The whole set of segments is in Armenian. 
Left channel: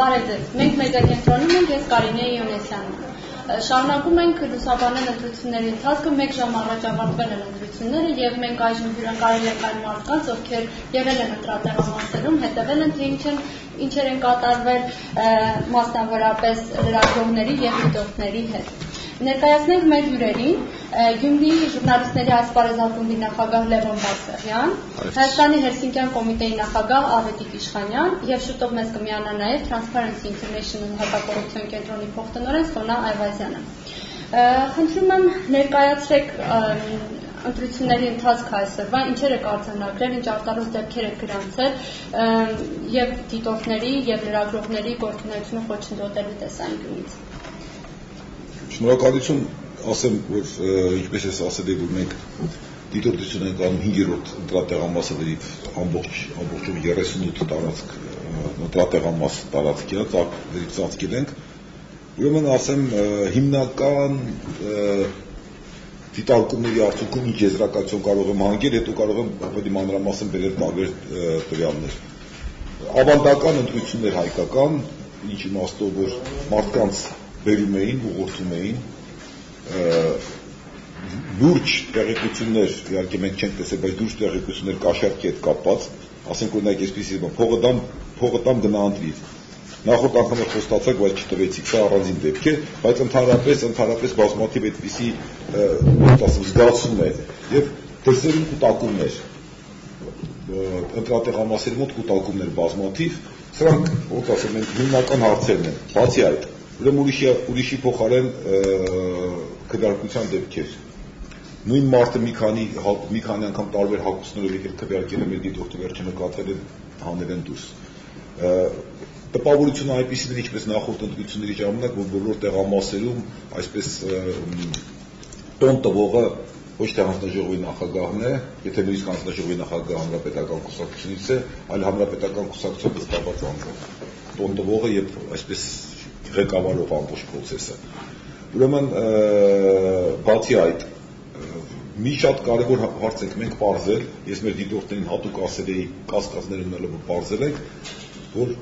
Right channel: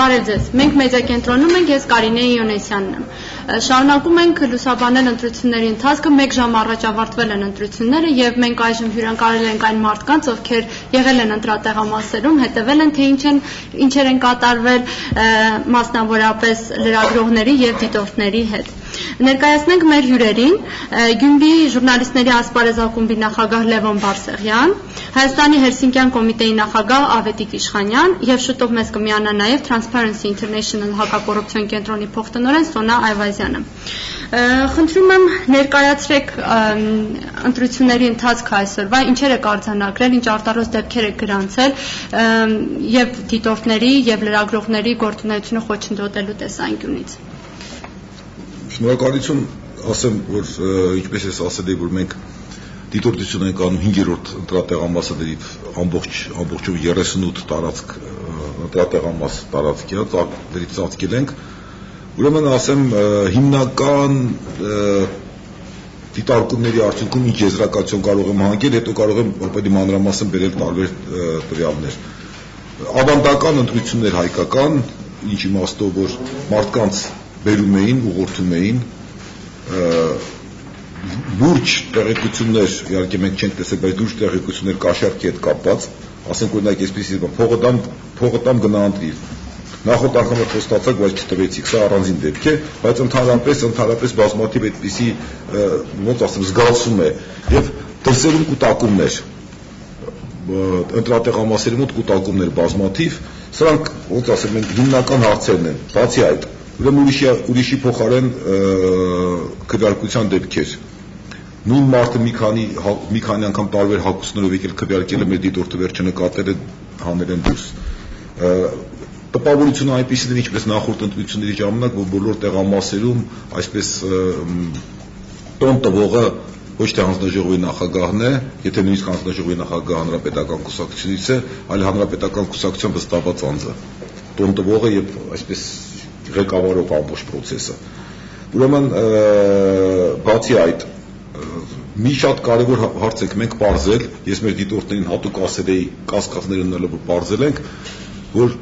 Բարև ձեզ, մենք մեդիակենտրոնում ենք, ես Կարինե Իոնեսյանն եմ։ Շարունակում ենք լուսաբանել ընտրությունների ընթացքը, 1 ժամ առաջ ավարտվել են ընտրությունները եւ մենք այժմ հյուրընկալել ենք այն մարդկանց, ովքեր եղել են ընտրատեղամասերում, հետևել են թե ինչեր են կատարվել մասնավորապես լրագրողների եւ դիտորդների հետ։ Ներկայացնենք մեր հյուրերին Գյումրիի ժուրնալիստների ասպարեզ ակումբի նախագահ Լևոն Բարսեղյան, Հայաստանի Հելսինկյան կոմիտեի նախագահ Ավետիք Իշխանյան եւ շուտով մեզ կմիանա նաեւ Transparency International հակակոռուպցիոն կենտրոնի փոխտնօրեն Սոնա Այվազյանը։ Խնդրում եմ ներկայացրեք ընտրությունների ընթացքը այսօրվա, ինչեր եք արձանագրել, ինչ արտարոց դեպքեր եք գրանցել եւ դիտորդների եւ լրագրողների գործունեությունը խոչընդոտելու տեսանկյունից։ Շնորհակալություն, ասեմ, որ ինչպես ես ասել եմ, որ մենք դիտորդություն ենք անում 5-րդ ընտրատեղամասերի ամբողջով 38 տարածք ընտրատեղամաս տարածքի ծածկել ենք։ Ուրեմն ասեմ, հիմնական դիտարկումների արդյունքում ինչ եզրակացություն կարող եմ հանգել, հետո կարող եմ ավելի մանրամասն բերել տարբեր տվյալներ։ Ավանդական ընտրություններ հայկական, ինչ իմաստով, որ մարդկանց բերում էին, ուղղորդում էին, լուրջ տեղեկություններ, իհարկե մենք չենք տեսել, բայց լուրջ տեղեկություններ կաշառքի հետ կապված, ասենք օրինակ այսպիսի փողը տամ գնա ընտրի։ Նախորդ անգամ խոստացակ, բայց չտվեցիք, սա առանձին դեպք է, բայց ընդհանրապես բազմաթիվ այդպիսի զգացում է եւ դրսերում կուտակումներ, ընտրատեղամասերի մոտ կուտակումներ բազմաթիվ, սրանք ոնց ասեմ ենք հիմնական հարցերն են, բացի այդ ուրեմն ուրիշի փոխարեն քվեարկության դեպքեր։ Նույն մարդը մի քանի անգամ տարբեր հակուսներով եկել քվեարկել է, մեր դիտորդը վերջը նկատել է հանել են դուրս։ Տպավորությունը այնպիսին է, ինչպես նախորդ ընտրությունների ժամանակ, որ բոլոր տեղամասերում այսպես տոն տվողը ոչ թե հանձնաժողովի նախագահն է, եթե նույնիսկ հանձնաժողովի նախագահը հանրապետական կուսակցությունից է, այլ հանրապետական կուսակցության վստահված անձը։ Տոն տվողը եւ այսպես ղեկավարող ամբողջ process-ը։ Ուրեմն բացի այդ մի շատ կարևոր հարց եք մենք պարզել, ես մեր դիտորդներին հատուկ ասել էի կասկածներ ունենալը, որ պարզել ենք, որ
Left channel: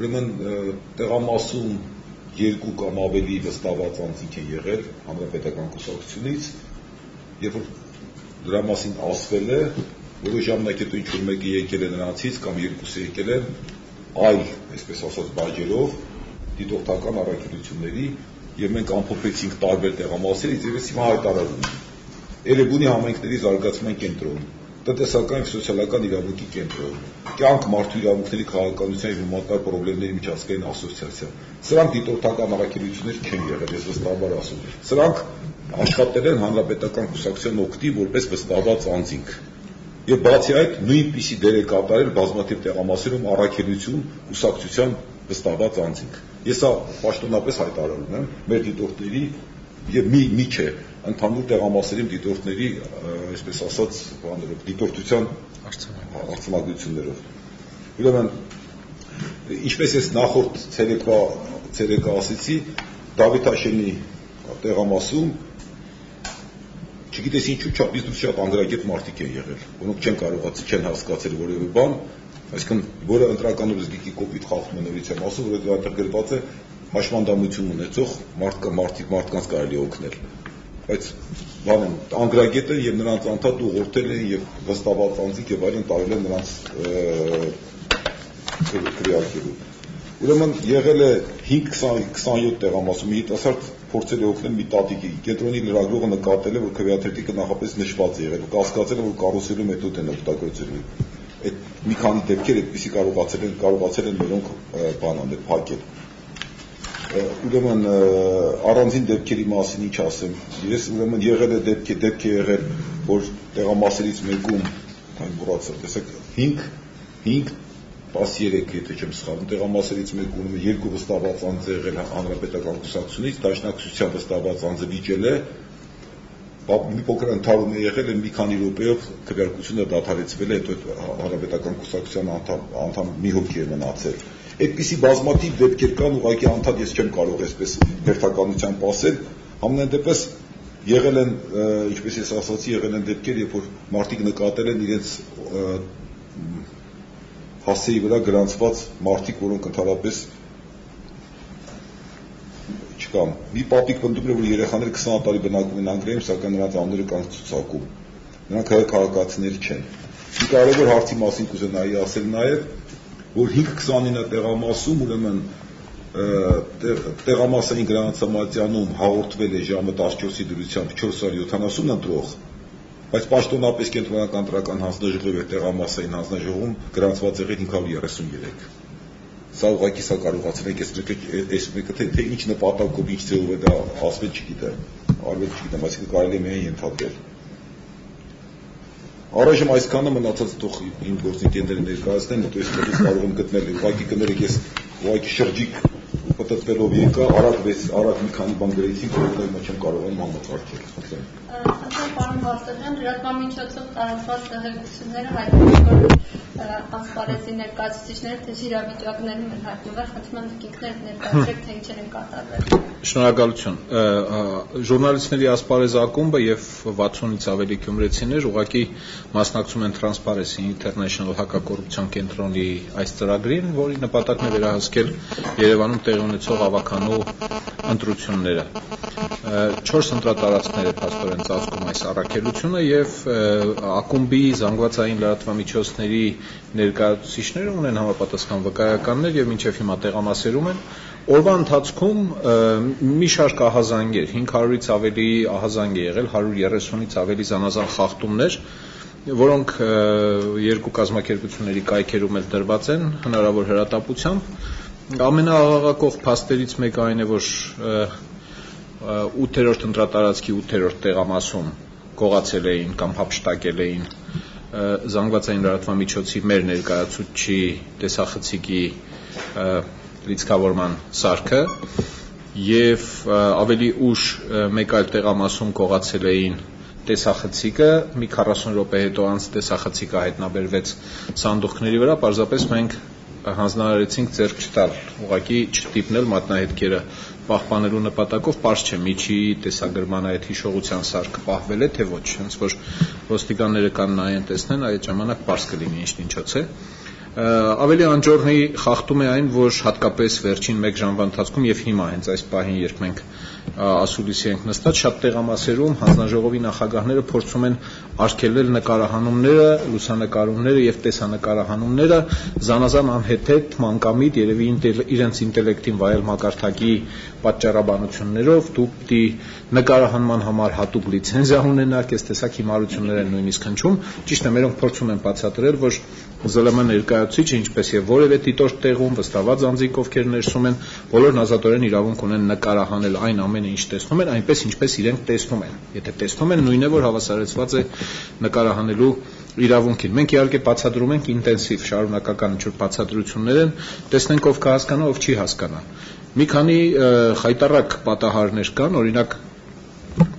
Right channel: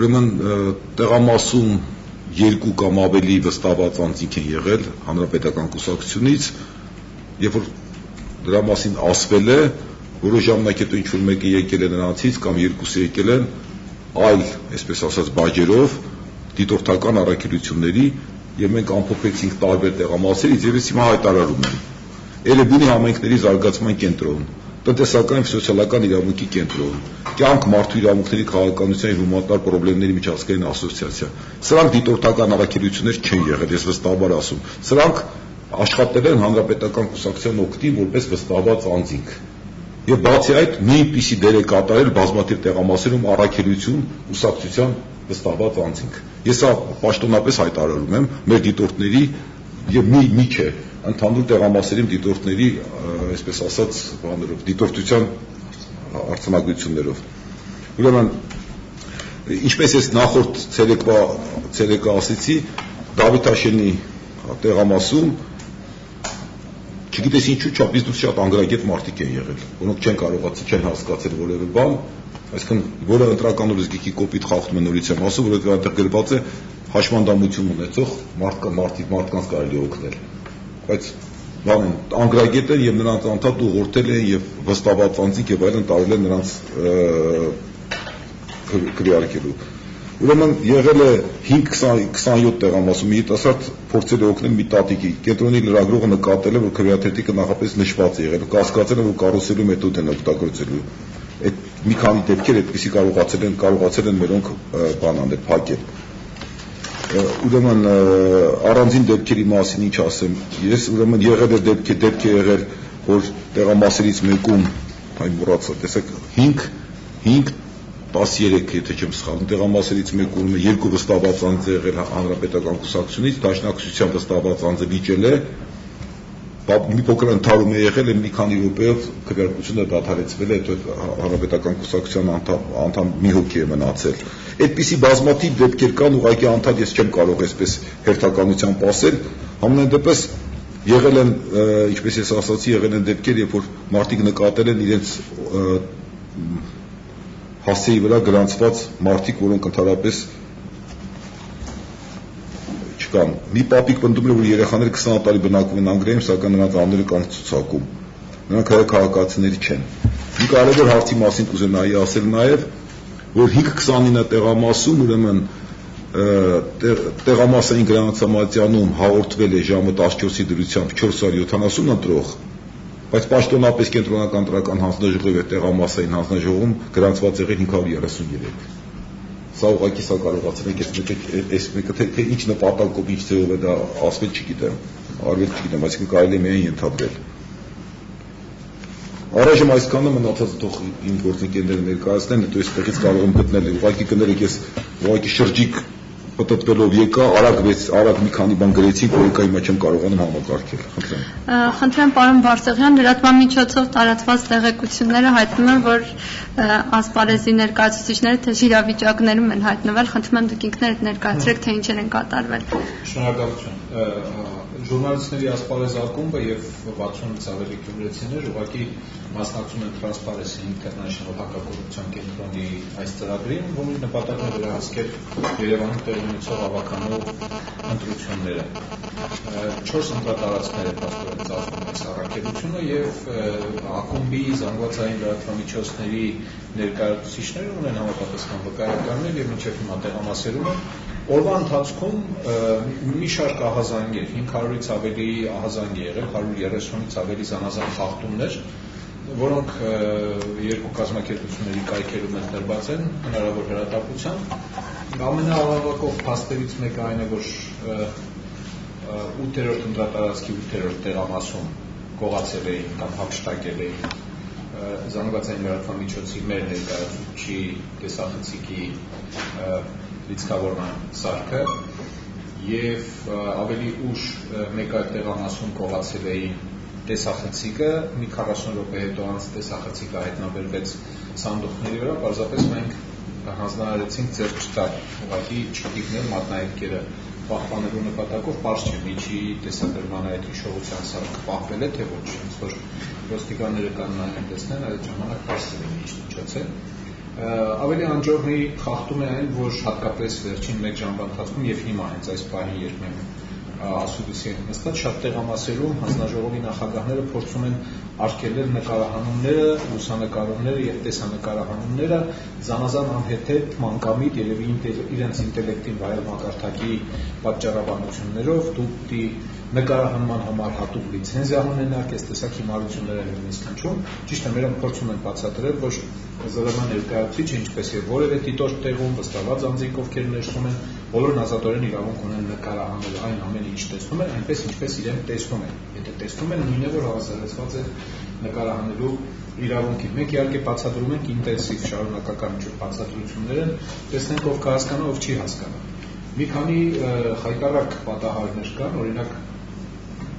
ուրեմն տեղամասում 2 կամ ավելի վստահված անձինք են եղել հանրապետական կուսակցությունից, երբ որ դրա մասին ասվել է, որոշ ժամանակ հետո ինչ-որ մեկը եկել է նրանցից կամ 2-ը եկել են այլ, այսպես ասած, բաժերով դիտորդական առաքելությունների եւ մենք ամփոփեցինք տարբեր տեղամասերից եւ ես հիմա հայտարարում եմ Էրեբունի համայնքների զարգացման կենտրոն, տնտեսական եւ սոցիալական իրավունքի կենտրոն, կյանք մարդու իրավունքների քաղաքականության եւ հումանիտար խնդիրների միջազգային ասոցիացիա։ Սրանք դիտորդական առաքելություններ չեն եղել, ես վստահաբար ասում։ Սրանք աշխատել են հանրապետական կուսակցության օգտին որպես վստահված անձինք։ Եվ բացի այդ նույնպիսի դեր է կատարել բազմաթիվ տեղամասերում առաքելություն կուսակցության վստահված անձինք։ Ես սա պաշտոնապես հայտարարում եմ մեր դիտորդների եւ մի չէ ընդհանուր տեղամասերի դիտորդների, այսպես ասած, դիտորդության արձանագրություններով։ Ուրեմն ինչպես ես նախորդ ցերեկվա ասեցի, Դավիթաշենի տեղամասում չգիտես ինչու չափից դուրս շատ անգրագետ մարդիկ են եղել, որոնք չեն հասկացել որևէ բան, այսինքն որը ընտրական օրենսգիրքի կոպիտ խախտում է նորից եմ ասում, որ այնտեղ գրված է հաշմանդամություն ունեցող մարդկանց կարելի է օգնել, բայց բան են անգրագետ են եւ նրանց անդադ ուղղորդել են եւ վստահված անձինք եւ այլն տարել են նրանց քվեարկելու։ Ուրեմն եղել է 5-27 տեղամասում երիտասարդ փորձել է օգնել մի տատիկի, կենտրոնի լրագրողը նկատել է, որ քվեաթերթիկը նախապես նշված է եղել, կասկածել է, որ կարուսելու մեթոդ են օգտագործելու։ Այդ մի քանի դեպքեր այդպեսի կարողացել են մերոնք բան անել, փակել։ Ուրեմն առանձին դեպքերի մասին ինչ ասեմ, ես ուրեմն եղել է դեպք է եղել, որ տեղամասերից մեկում, այն մոռացա, տեսեք 5-13, եթե չեմ սխալվում, տեղամասերից մեկում 2 վստահված անձ է եղել հանրապետական կուսակցությունից, դաշնակցության վստահված անձը վիճել է, մի փոքր ընթարում է եղել, մի քանի րոպեով քվեարկությունը դադարեցվել է, հետո հանրապետական կուսակցության անդամ մի հոգի է մնացել։ Այդպիսի բազմաթիվ դեպքեր կան, ուղղակի անդադ ես չեմ կարող այսպես հերթականությամբ ասել, համենայն դեպս եղել են, ինչպես ես ասացի, եղել են դեպքեր, երբ որ մարդիկ նկատել են իրենց հասցեի վրա գրանցված մարդիկ, որոնք ընդհանրապես չկան։ Մի պապիկ պնդում է, որ երեխաները 20 տարի բնակվում են Անգլիայում, սակայն նրանց անունները կան ցուցակում։ Նրանք քաղաքացիներ չեն։ Մի կարևոր հարցի մասին կուզենայի ասել նաև, որ 5-29 տեղամասում ուրեմն տեղամասային գրանցամատյանում հաղորդվել է ժամը 14-ի դրությամբ 470 ընտրող, բայց պաշտոնապես կենտրոնական տրական հանձնաժողովի եւ տեղամասային հանձնաժողովում գրանցված եղել 533։ Սա ուղղակի սա կարողացել եք այս մեկը թե ինչ նպատակով ինչ ձևով է դա ասվել չգիտեմ, արվել չգիտեմ, այսինքն կարելի է միայն ենթադրել։ Առայժմ այսքանը մնացած թող իմ գործընկերները ներկայացնեն, հետո այստեղից կարող եմ գտնել, ուղղակի կներեք, ես ուղղակի շրջիկ պատտվելով եկա, արագ մի քանի բան գրեցինք, որ եկա հիմա չեմ կարողանում համակարգել։ Խնդրեմ պարոն Բարսեղյան, լրատվամիջոցով տարածված տեղեկությունները հայտնում են, որ ասպարեզի ներկայացուցիչները թեժ իրավիճակներում են հայտնվել, խնդրում եմ դուք ինքներդ ներկայացրեք, թե ինչեր են կատարվել։ Շնորհակալություն։ Ժուրնալիստների ասպարեզ ակումբը եւ 60-ից ավելի գյումրեցիներ ուղղակի մասնակցում են Transparency International հակակոռուպցիոն կենտրոնի այս ծրագրին, որի նպատակն է վերահսկել Երևանում տեղի ունեցող ավականու ընտրությունները։ 4 ընտրատարածքներ է փաստորեն ծաղկում այս առաքելությունը եւ ակումբի զանգվածային լրատվամիջոցների ներկայացուցիչները ունեն համապատասխան վկայականներ եւ մինչեւ հիմա տեղամասերում են։ Օրվա ընթացքում մի շարք ահազանգեր, 500-ից ավելի ահազանգ է եղել, 130-ից ավելի զանազան խախտումներ, որոնք երկու կազմակերպությունների կայքերում էլ դրված են հնարավոր հրատապությամբ։ Ամենաաղաղակող փաստերից մեկը այն է, որ 8-րդ ընտրատարածքի 8-րդ տեղամասում կողացել էին կամ հափշտակել էին զանգվածային լրատվամիջոցի մեր ներկայացուցիչի տեսախցիկի լիցքավորման սարքը եւ ավելի ուշ մեկ այլ տեղամասում կողացել էին տեսախցիկը, մի 40 րոպե հետո անց տեսախցիկը հայտնաբերվեց սանդուղքների վրա, պարզապես մենք հանձնարարեցինք ձեռք չտալ, ուղղակի չտիպնել մատնահետքերը պահպանելու նպատակով, պարզ չէ միջի տեսագրման այդ հիշողության սարքը պահվել է թե ոչ, հենց որ ոստիկանները կան նայեն տեսնեն, այդ ժամանակ պարզ կլինի ինչ ինչոց է։ Ավելի անջորնի խախտում է այն, որ հատկապես վերջին 1 ժամվա ընթացքում եւ հիմա հենց այս պահին, երբ մենք ասուլիսի ենք նստած, շատ տեղամասերում հանձնաժողովի նախագահները փորձում են արգելել նկարահանումները, լուսանկարումները եւ տեսանկարահանումները զանազան անհեթեթ, մանկամիտ, երևի իրենց ինտելեկտին վայել մակարդակի պատճառաբանություններով, դուք դի նկարահանման համար հատուկ լիցենզիա ունենաք, այս տեսակ հիմարություններ են նույնիսկ հնչում։ Ճիշտ է, մերոնք փորձում են բացատրել, որ ԶԼՄ ներկայացուցիչը, ինչպես եւ որևէ դիտորդ տեղում վստահված անձիկ, ովքեր ներսում են, բոլորն ազատորեն իրավունք ունեն նկարահանել այն ամենը, ինչ տեսնում են, այնպես ինչպես իրենք տեսնում են։ Եթե տեսնում են, նույնն է, որ հավասարեցված է նկարահանելու իրավունքին։ Մենք իհարկե բացատրում ենք ինտենսիվ շարունակական ինչ-որ բացատրություններ են, տեսնենք ով կհասկանա, ով չի հասկանա։ Մի քանի խայտառակ պատահարներ կան, օրինակ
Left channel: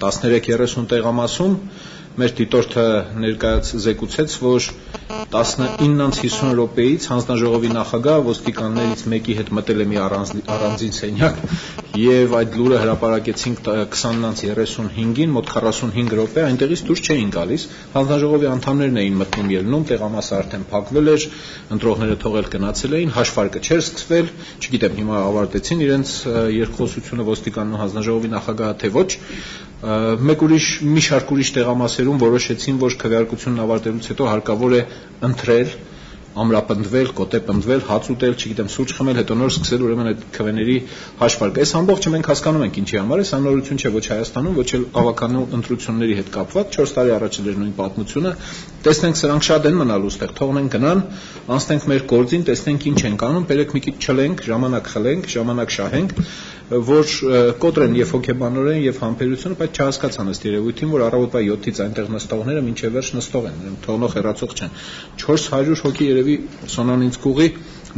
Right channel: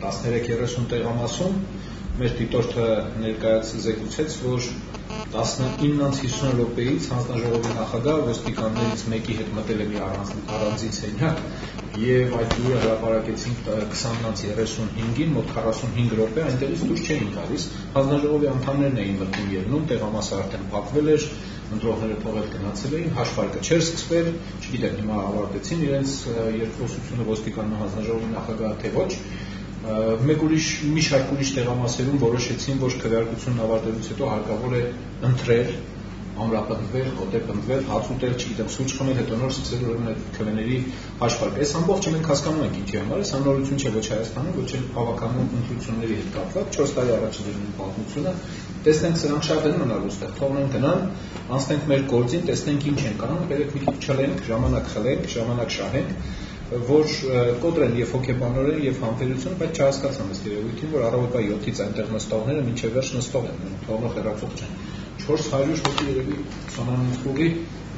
13-30 տեղամասում մեր դիտորդը զեկուցեց, որ 19:50 րոպեից հանձնաժողովի նախագահը ոստիկաններից մեկի հետ մտել է մի առանձին սենյակ եւ այդ լուրը հրապարակեցինք 20:35-ին, մոտ 45 րոպե այնտեղից դուրս չէին գալիս, հանձնաժողովի անդամներն էին մտնում ելնում, տեղամասը արդեն փակվել էր, ընտրողները թողել գնացել էին, հաշվարկը չէր սկսվել, չգիտեմ հիմա ավարտեցին իրենց երկխոսությունը ոստիկանն ու հանձնաժողովի նախագահը թե ոչ։ Մի շարք ուրիշ տեղամասերում որոշեցին, որ քվեարկությունն ավարտելուց հետո հարկավոր է ընտրել, ամրապնդվել, կոտեպնդվել, հաց ուտել, չգիտեմ, սուրճ խմել, հետո նոր սկսել ուրեմն այդ քվեների հաշվարկը։ Այս ամբողջը մենք հասկանում ենք ինչի համար է, սա նորություն չէ ոչ Հայաստանում, ոչ էլ ավականու ընտրությունների հետ կապված, 4 տարի առաջ էր նույն պատմությունը։ Տեսնենք սրանք շատ են մնալու ստեղ, թողնենք գնան, անցնենք մեր գործին, տեսնենք ինչ են կանում, բերեք մի քիչ չլենք, ժամանակ խլենք, ժամանակ շահենք, որ կոտրեն եւ հոգեբանորեն եւ համբերությունը, բայց չհասկացան ըստ երևույթին, որ առավոտվա 7-ից այնտեղ նստողները մինչեւ վերջ նստող են, թողնող հեռացող չեն։ 400 հոգի երևի Սոնանինսկուղի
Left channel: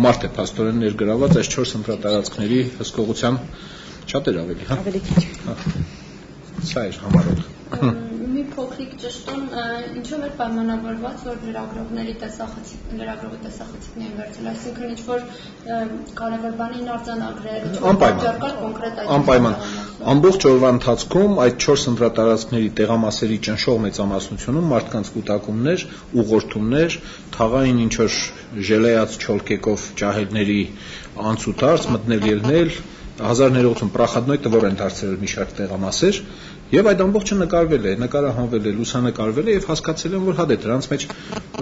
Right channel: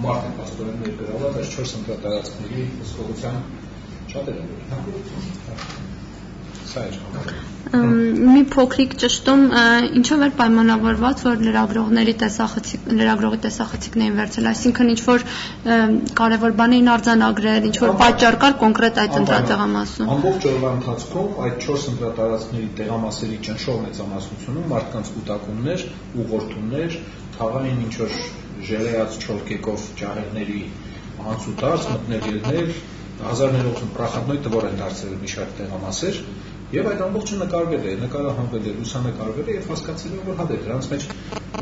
մարդ է փաստորեն ներգրաված այս 4 ընտրատարածքների հսկողության շատ էր ավելի, հա։ Ավելի քիչ։ Սա էր համարը։ Մի փոքրիկ ճշտում, ինչով էր պայմանավորված, որ լրագրողի տեսախցիկներին վերցել, այսինքն ինչ որ կարևոր բան էին արձանագրել, ինչ որ պատճառ կար կոնկրետ այդ տեղամասում։ Ամբողջ օրվա ընթացքում այդ 4 ընտրատարածքների տեղամասերի ճնշող մեծամասնությունում մարդկանց կուտակումներ, ուղղորդումներ, թաղային ինչ որ ժելեած չոլկեկով ջահելների անցուտարձ, մտնել ելնել, 1000 ներողություն պրախադնոյ տվոր են դարձել մի շարք տեղամասեր։ Եվ այդ ամբողջը նկարվել է, նկարահանվել է, լուսանկարվել է եւ հասկացել են, որ հա դրանց մեջ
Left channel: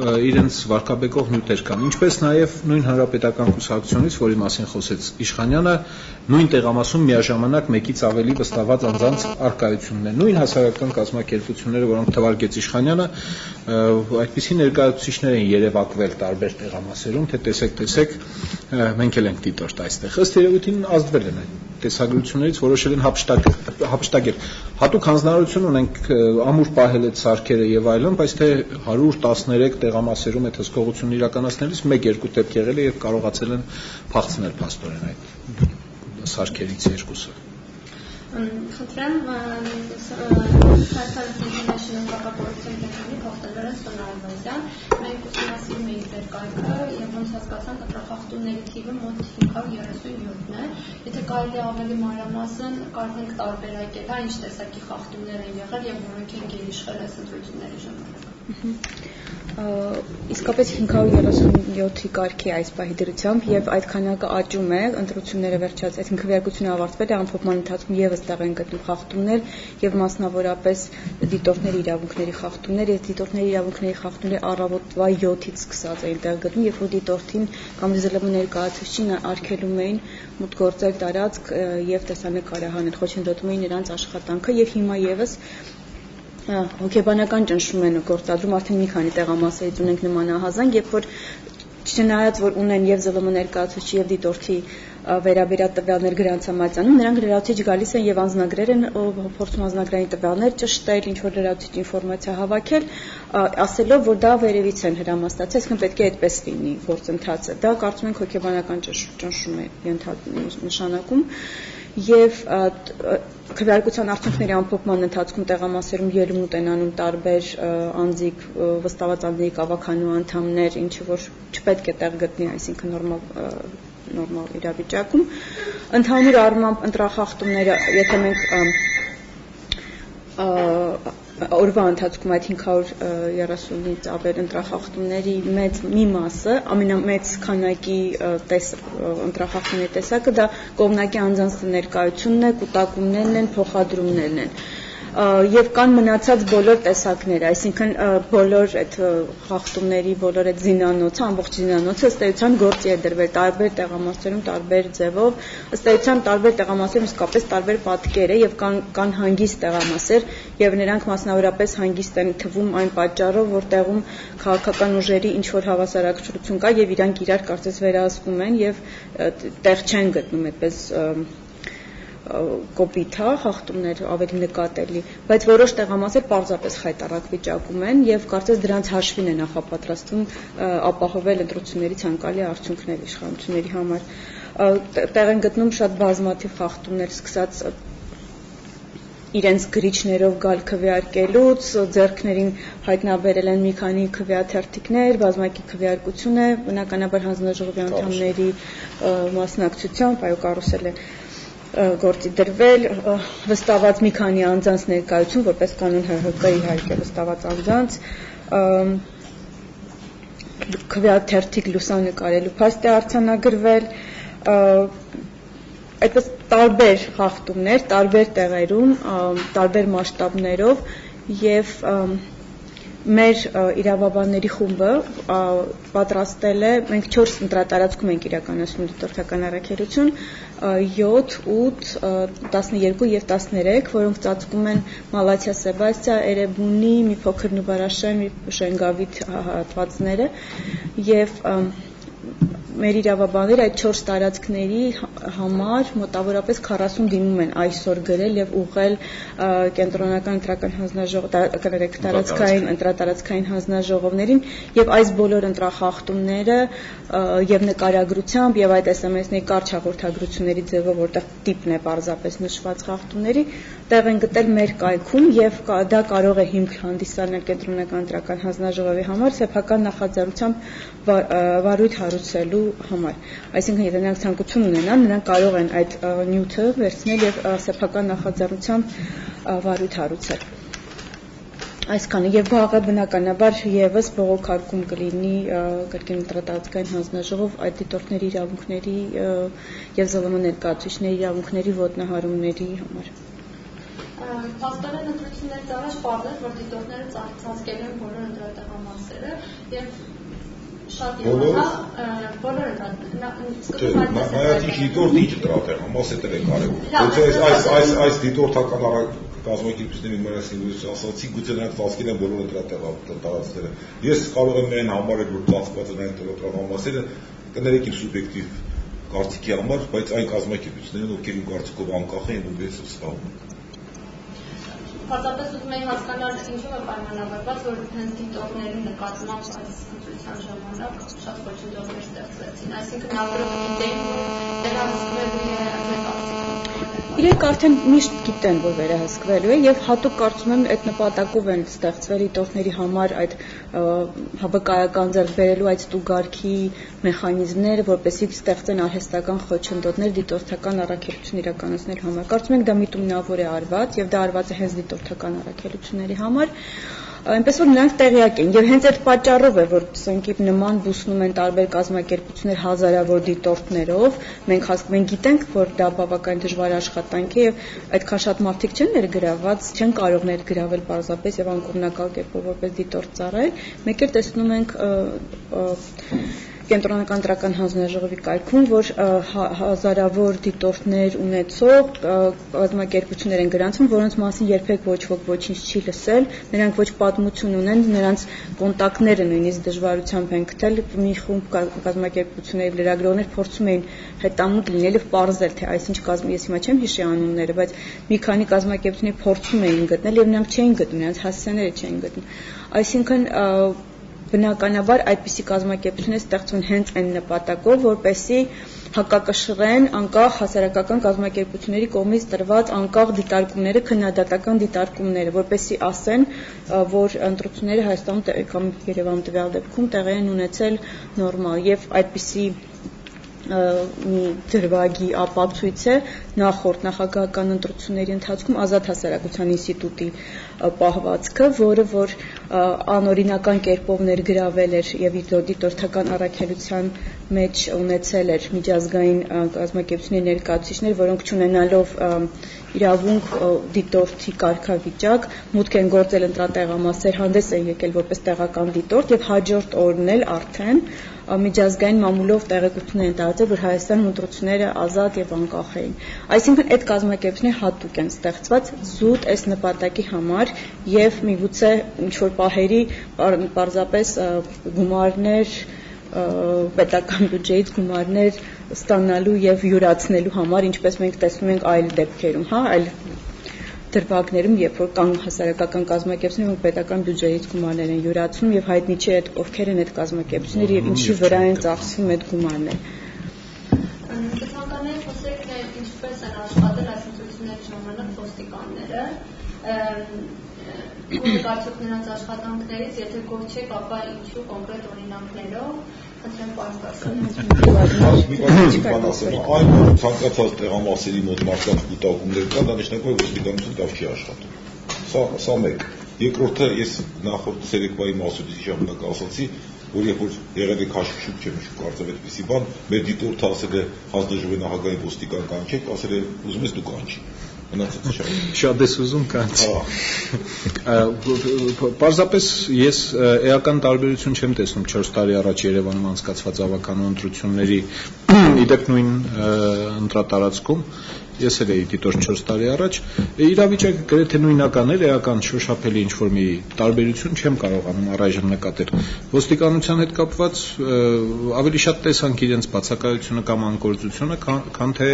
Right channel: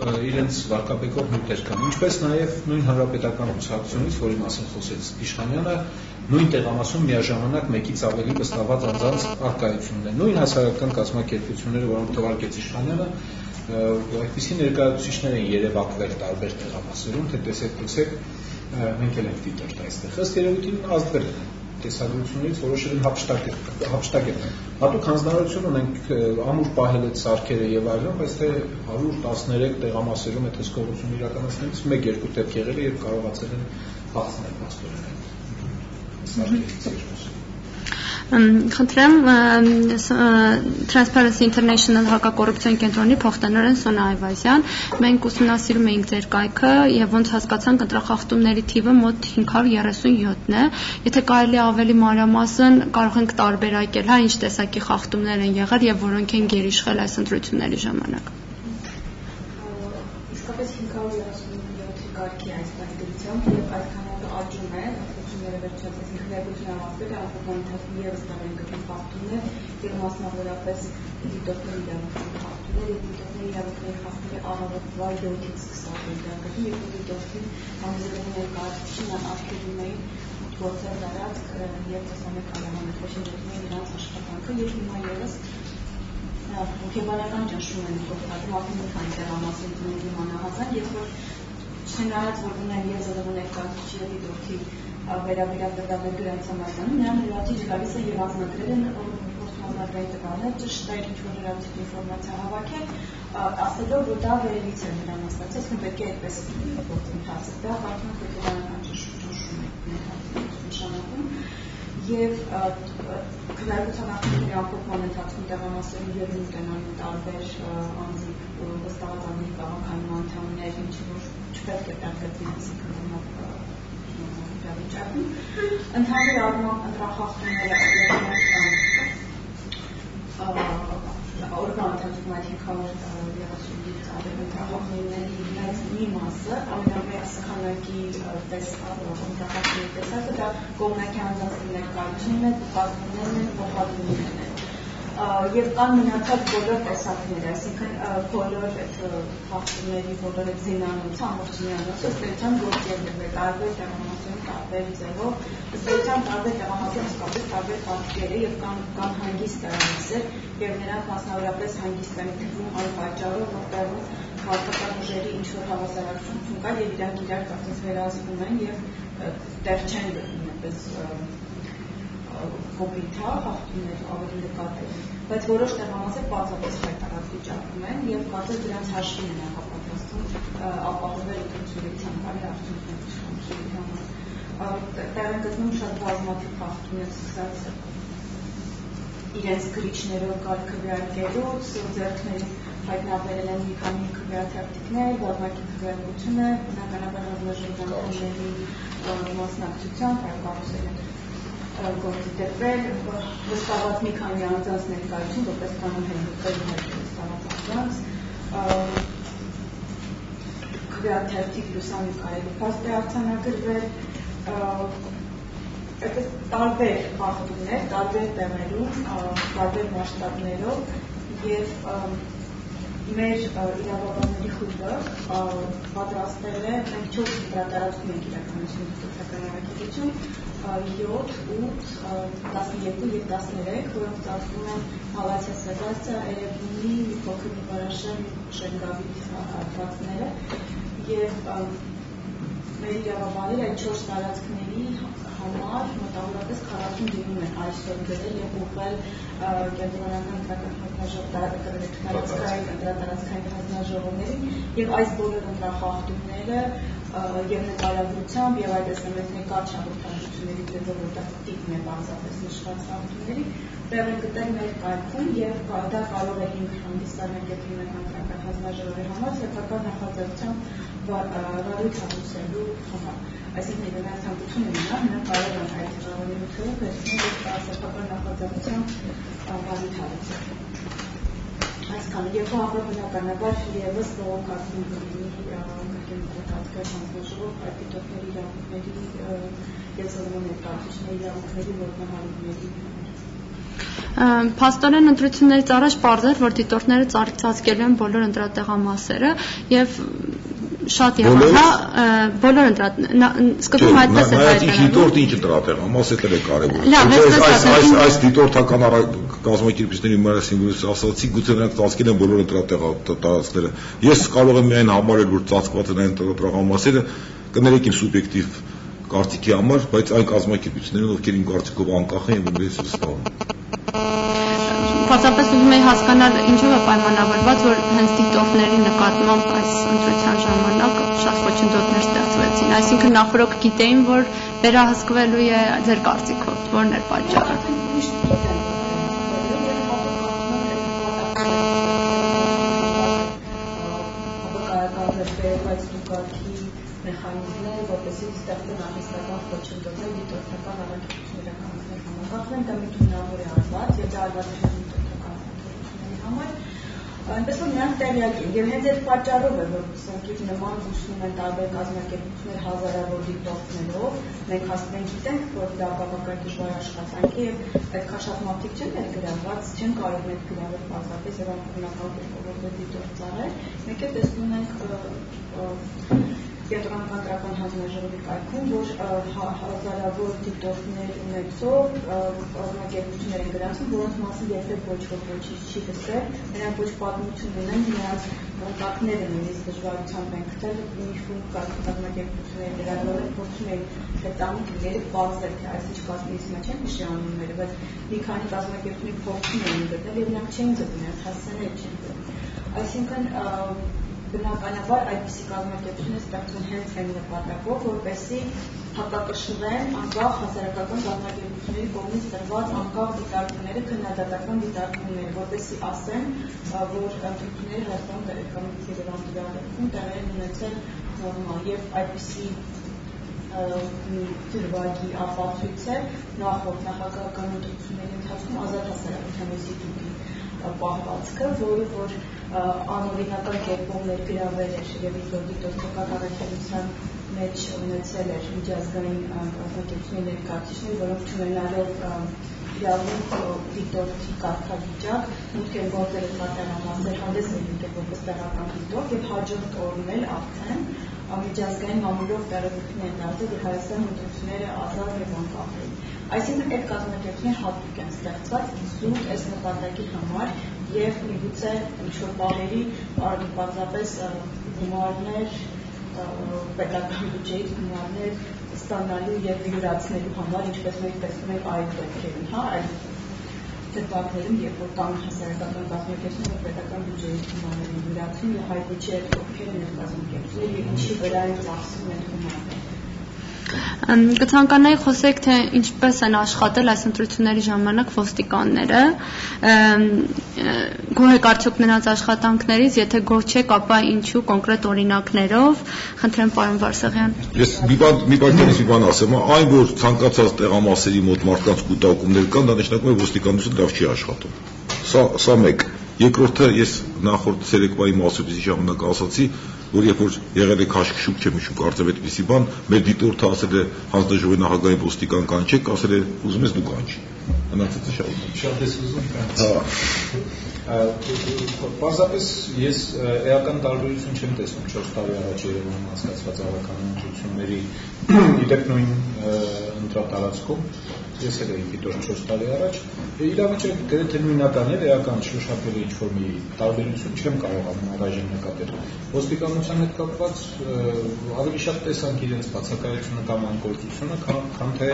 իրենց վարկաբեկող նյութեր կան։ Ինչպես նաեւ նույն հանրապետական կուսակցությունից, որի մասին խոսեց Իշխանյանը, նույն տեղամասում միաժամանակ մեկից ավելի վստահված անձանց արկայությունն է։ Նույն հասարակական կազմակերպությունները, որոնք թվարկեց Իշխանյանը, այդպիսի ներկայացուցիչներ են երևակվել տարբեր տեղամասերում, թե տեսեք, մենք էլ ենք դիտորդ այստեղ։ Ըստ երևույթին ազդվել են տեսագրություններից, որոշել են հափշտակել։ Հատուկ հանձնարարություն ունենք ամուր պահել այդ սարքերը եւ այլն, բայց թե 113 տեղամասերում այդ հսկողությունը իրականացնելիս 1-2 դեպք եղել է եւ կարողացել են փախցնել փաստորեն այդ սարքերից երկուսը։ Խնդրեմ Transparency International հակակոռուպցիոն կենտրոնի փոխտնօրեն Սոնա Այվազյան, մենք ուսումնասիրում էինք ձեր կայքը եւ ոնց հասկացանք ընտրախախտումների թիվը մոտ 537-ն է։ Եթե կարելի ավելի մանրամասն կարող ենք տարբերակել, հա, ինչ տեսակի խախտումներ են եղել եւ որոնք են գերիշխել այս ընտրությունների ժամանակ։ Իսկապես 537-ի կարգի այս պահի դրությամբ եւ այդ քանակը աճում է, ընտրությունները վերջացած, այսինքն քվեարկությունը ավարտվել է, ամփոփման ընթացքում եւս տեղ են գտնում խախտումներ եւ մասնավորապես դիտորդների իրավունքների խախտումներ, եւ դիտորդների իրավունքների խախտումները առավոտվա 7-ից սկսած էին տեղ գտնում, երբ որ դիտորդին կամ ԶԼՄ ներկայացուցիչին արգելում էին մուտքգործել տարածք եւ տեսանկարահանել, խոչընդոտում էին նրանց աշխատանքը եւ հիմա եւս հոգեբանական ճնշում են գործադրում, արդեն մի քանի տեղամասերից ունենք նմանահազանգ, երբ որ չնայած որ ունեն եւ ԶԼՄ ներկայացուցիչ եւ դիտորդի վերաբերյալ տվյալներ գրանց համայնքում, նրանք լրացուցիչ գալիս են եւ անձնագրեր են փորձում անձնագրային տվյալներ ճշտել, ինչ որ լրացուցիչ ինֆորմացիա հավաքել, ասելով որ դա վերևից են հրամաստացել, այսինքն պետք է այդպես լինի գործընթացը։ Դա կարծում ենք հոգեբանական ճնշում է նշանակում եւ քվեարկության արդյունքների ամփոփման ընթացքում տեղամասերում ելույթ են անում տարբեր անձիկ վստահված անձների կավաքանու անդամներ, ինչը որ չպետք է տեղ գտնի, այսինքն նորմալ իրավիճակում։ Ընդհանուր առմամբ ընտրախախտումները, եթե մենք օրվա ընթացքում այդ 530-ից ավել ընտրախախտումների մի մասը, ամենամեծ քանակի ընտրախախտումների տեսակը դա կողմնակի անձանց ներկայությունն է, կուտակումներն են, փոխադրումներն են։ Եվ կան մնացած բոլոր տեսակները, այսինքն բոլոր այդ խախտումների, բոլոր այդ զինանոցը, ամբողջ զինանոցը ըստ էության գործի է դրվել տարբեր տեղամասերում, տարբեր ձևով, ըստ էության տարբեր տեղամասերում իսկապես տարբեր պատկեր է եւ կան հանգիստ տեղամասեր եւ նրանք մասնավորապես հանգիստ են թվում այն պատճառով, որ տեղում քաղաքական ուժերի ինչ որ հավասարակշռություն կա եւ իրանք իրար կարծես վերահսկում են եւ տեղ չեն գտնում այդպես կոպիտ խախտումներ ավելի նկատելի, բայց որոշ տեղամասեր պարզապես խայտառակ վիճակում են եւ կարծես դրանց հաշվին է նախապատրաստվում ապահովել ընտրությունների ցանկալի արդյունքներ իշխանությունների համար։ Տեղ են գտնում շատ բազմաթիվ խախտումներ, սկսած իրենց գրիչներով գալ քվեարկելուց, ձեռքներին հայտնաբերել են մի քանի քվեաթերթիկներ, բազմակի քվեարկություն է, բնականաբար հանձնաժողովի անդամների մասնակցությամբ, այո, կարուսել են գործի դրվել, վստահված մի քանի անձանց ներկայություն, որպես կանոն ՀՀԿ իհարկե վստահված անձանց, քվեաթերթիկ լուսանկարելու փաստ է արձանագրվել, այդպես տարբեր խախտումներ, տարբեր տեղերում, տարբեր մասշտաբներով եւ մեր իրավաբանների խումբը պատրաստել է, մենք 4 ընտրատարածքում ենք իրականացնում դիտորդական առաքելություն, 7, 8, 12 եւ 13, որոնք ծածկում են Մալաթիա, Սեբաստիա, Էրեբունի, մի փոքր Նուբարաշեն, Շենգավիթ հատվածները եւ մեր իրավաբանները այդ 4 տարածքների համար մոտավորապես 40 դիմում են այսօր գրել եւ ուղղել կենտրոնական ընտրական հանձնաժողովին, ընտրատարածքային հանձնաժողովներին եւ այս բոլոր ընտրախախտումները եւ նկարագրությամբ եւ այդ SMS-ների կարճ հաղորդագրությունների ձևով, որտեղ տիպն է բարձրապես նշված խախտումների, տեղ են գտել մեր կայքում եւ դա կարող է հիմք հանդիսանալ կենտրոնական ընտրական հանձնաժողովի համար սեփական նախաձեռնությամբ վարույթ հարուցելու համար։ Այսինքն, եթե նրանք ցանկություն ունենան, նրանք կարող են այդ նյութը վերցնել եւ սեփական նախաձեռնությամբ վարույթ հարուցել։ Այսքանը եւ վաղը բնականաբար եւս բողոքարկում կլինի կրկին ընտրատարածքային հանձնաժողով այդ դիտորդների իրավունքների եւ ԶԼՄ ներկայացուցիչների իրավունքների ոտնահարումների համար։ Փաստորեն ընտրություններից առաջ պարզ էր, որ դիտորդները ծածկելու են բոլոր ընտրատեղամասերը եւ շատ եղավ, հա, բոլոր սկզբում այդպես է հայտնվել։ Դիտորդի ինչ ընտրատեղամաս է կարևոր։ Այս դիտորդական կազմակերպիչների մասին որ ասացի, գուցե նրանք ծածկել են բոլոր ընտրատեղամասերը։ Ես կարող եմ միայն համարել, որ ծածկված են այն ընտրատեղամասերը, կներեք իմ սուբյեկտիվ կարծիքի համար, բայց այն կազմակերպիչները, ովքեր իմ կարծիքով անկախ են, որպես վստահում։ Պարզապես ուզում եի հասկանալ ինչով է պայմանավորված, որ հենց դիտորդների նկատմամբ այս ընտրության ժամանակ շատ խոչընդոտներ ստեղծվեցին։ Այսինքն նախորդ գիտեին, որ վերահսկվելու է ձեր կարծիքով, որն էր պատճառը։ Իրենք արդեն միշտ գիտեն, որ վերահսկվելու է եւ հատուկ կարծում եմ այդ նպատակով են ստեղծվել դիտորդների համար այդ հավաքական ձեռք բերելու այդ ստուգարքի մեխանիզմները, որպեսզի ստեղծեն արհեստական խոչընդոտներ դիտորդական առաքելություն իրականացնելու համար։ Կարծում եմ դա միտումնավոր է արված եւ դա արված է հենց դիտորդական առաքելությունների համար, այնպես որ նրանք տեղյակ են եւ հենց այդ պատճառով է որ սնկիպ նման բուսնում են տարբեր կազմակերպություններ հազարավոր դիտորդներով մենք գիտենք որ դա բավական դժվար աշխատանք է եւ այդքան շատ մարդիկ չեն ներգրաված չեն կարող ներգրավել պարզապես եւ անկողմնակալ կերպով որպես դիտորդ ծառայել մեկ էլ տեսնում ենք կենտրոնական ընտրական հանձնաժողովի կայքում, որ հազարավոր դիտորդներ ունեցող կազմակերպություններ են գրանցվում, որոնց մասին երբեք ոչ ոք ոչինչ չի լսել, նրանք ոչ պատմություն ունեն, նրանց կոնտակտները նույնիսկ դժվարությամբ են գտել, մի խումբ կազմակերպությունների լրագրողներ փորձում էին հետամուտ լինել եւ պարզել, թե այսինչ կազմի ես հիմա չեմ հիշի անունները, բայց մի քանի կազմակերպություններ փորձում էին գտնել եւ նրանք չէին գտնում, նրանց հասցեները չէին գտնում։ Այսինքն բնականաբար այդպիսի կազմակերպություններ ստեղծվում հենց այն նպատակով, որպեսզի հակակշռեն անկախ հասարակական կազմակերպությունների կողմից տրված անկախ դիտարկումները, քննադատական դիտարկումները, որպեսզի ասեն, որ ընտրությունները Հայաստանում կամ Երևանում տվյալ դեպքում տեղի են ունեցել նորմալ եւ այդպիսի մի դրվագի ապացույց է նախորդ նախագահական ընտրությունների ընթացքում ազատ հասարակության ինստիտուտի պահվածքը, որը որ անօրինական կերպով ներգրավել էր եւ դիտորդական առաքելության մեջ ունեցել էր միջազգային կազմակերպությունների ներկայացուցիչներ, որոնք չունենալով իրավունք դիտորդի կարգավիճակ մուտք են գործել ընտրատեղամասեր, հանդես են եկել որպես տեղական դիտորդ եւ հաջորդ օրն էլ արդեն միջազգային մամուլով տեղեկություններ են տարածել, որ Հայաստանում ընտրությունները ազատ եւ անկախ էին։ Այսինքն այդ կազմակերպությունները հատուկ են ստեղծված զուտ այս նպատակի համար եւ միգուցե ինչ-որ պահերի պարզապես գումարներ պետական բյուջեից գումարներ ստանալու եւ յուրացնելու համար, ինչպես մենք տեսնում ենք այլ դեպքերում, հա, այլ դրվագներում, երբ որ կան հասարակական կազմակերպություններ, որ պետական բյուջեից գումարներ են յուրացնում եւ հայտնի չէ այդ ովքեր են այդ կազմակերպությունները եւ ինչի վրա են ծախսվում այդ գումարները։ Կցանկանայի խոսեք, թե ինչպես են աշխատել այս ընտրությունների ժամանակ ոստիկանները, գոհ եք արդյոք նրանց աշխատանքներից, եթե գոհ չեք, ապա ինչու կոնկրետ օրինակներով, խնդրեմ պարոն Վարսեղյան։ Մի բան ասեմ, այն որ ցանկացած տեղամասերի մոտ մարդկանց կուտակումներ կան, դա նշանակում է որ ոստիկանությունը լավ չի աշխատում։ Սա մեկ։ Երկրորդը ես նախորդ ցերեկվայի մասուբիզի ժամանակ ասացի, որ երբ որ եղել է քաշքշուկ չեմ հիշում կարծեմ այդպիսի բան, մեր դիտորդը ասել է հանձնաժողովի նախագահային ոստիկան կանչեք, ասել է ուզում ես դու կանչի։ Մնացածը շատ ես ուզում կանչի։ Պարզապես ես էական տարբերություն չեմ տեսնում 4 տարի առաջ Երևանում անցկացված ավականու ընտրությունների իդեպ նույն ընտրատարածքում ես էլ էի դիտոր 4 տարի առաջ իրավիճակը գրեթե նույնական էր էական շոշափելի ինչ-որ մի տարբերություն չեմ կարողանում առայժմ նկատել ոստիկանության հետ կապված ավելի շատ տեսանք իրենց բացակայությունը կամ անկործությունը քան թե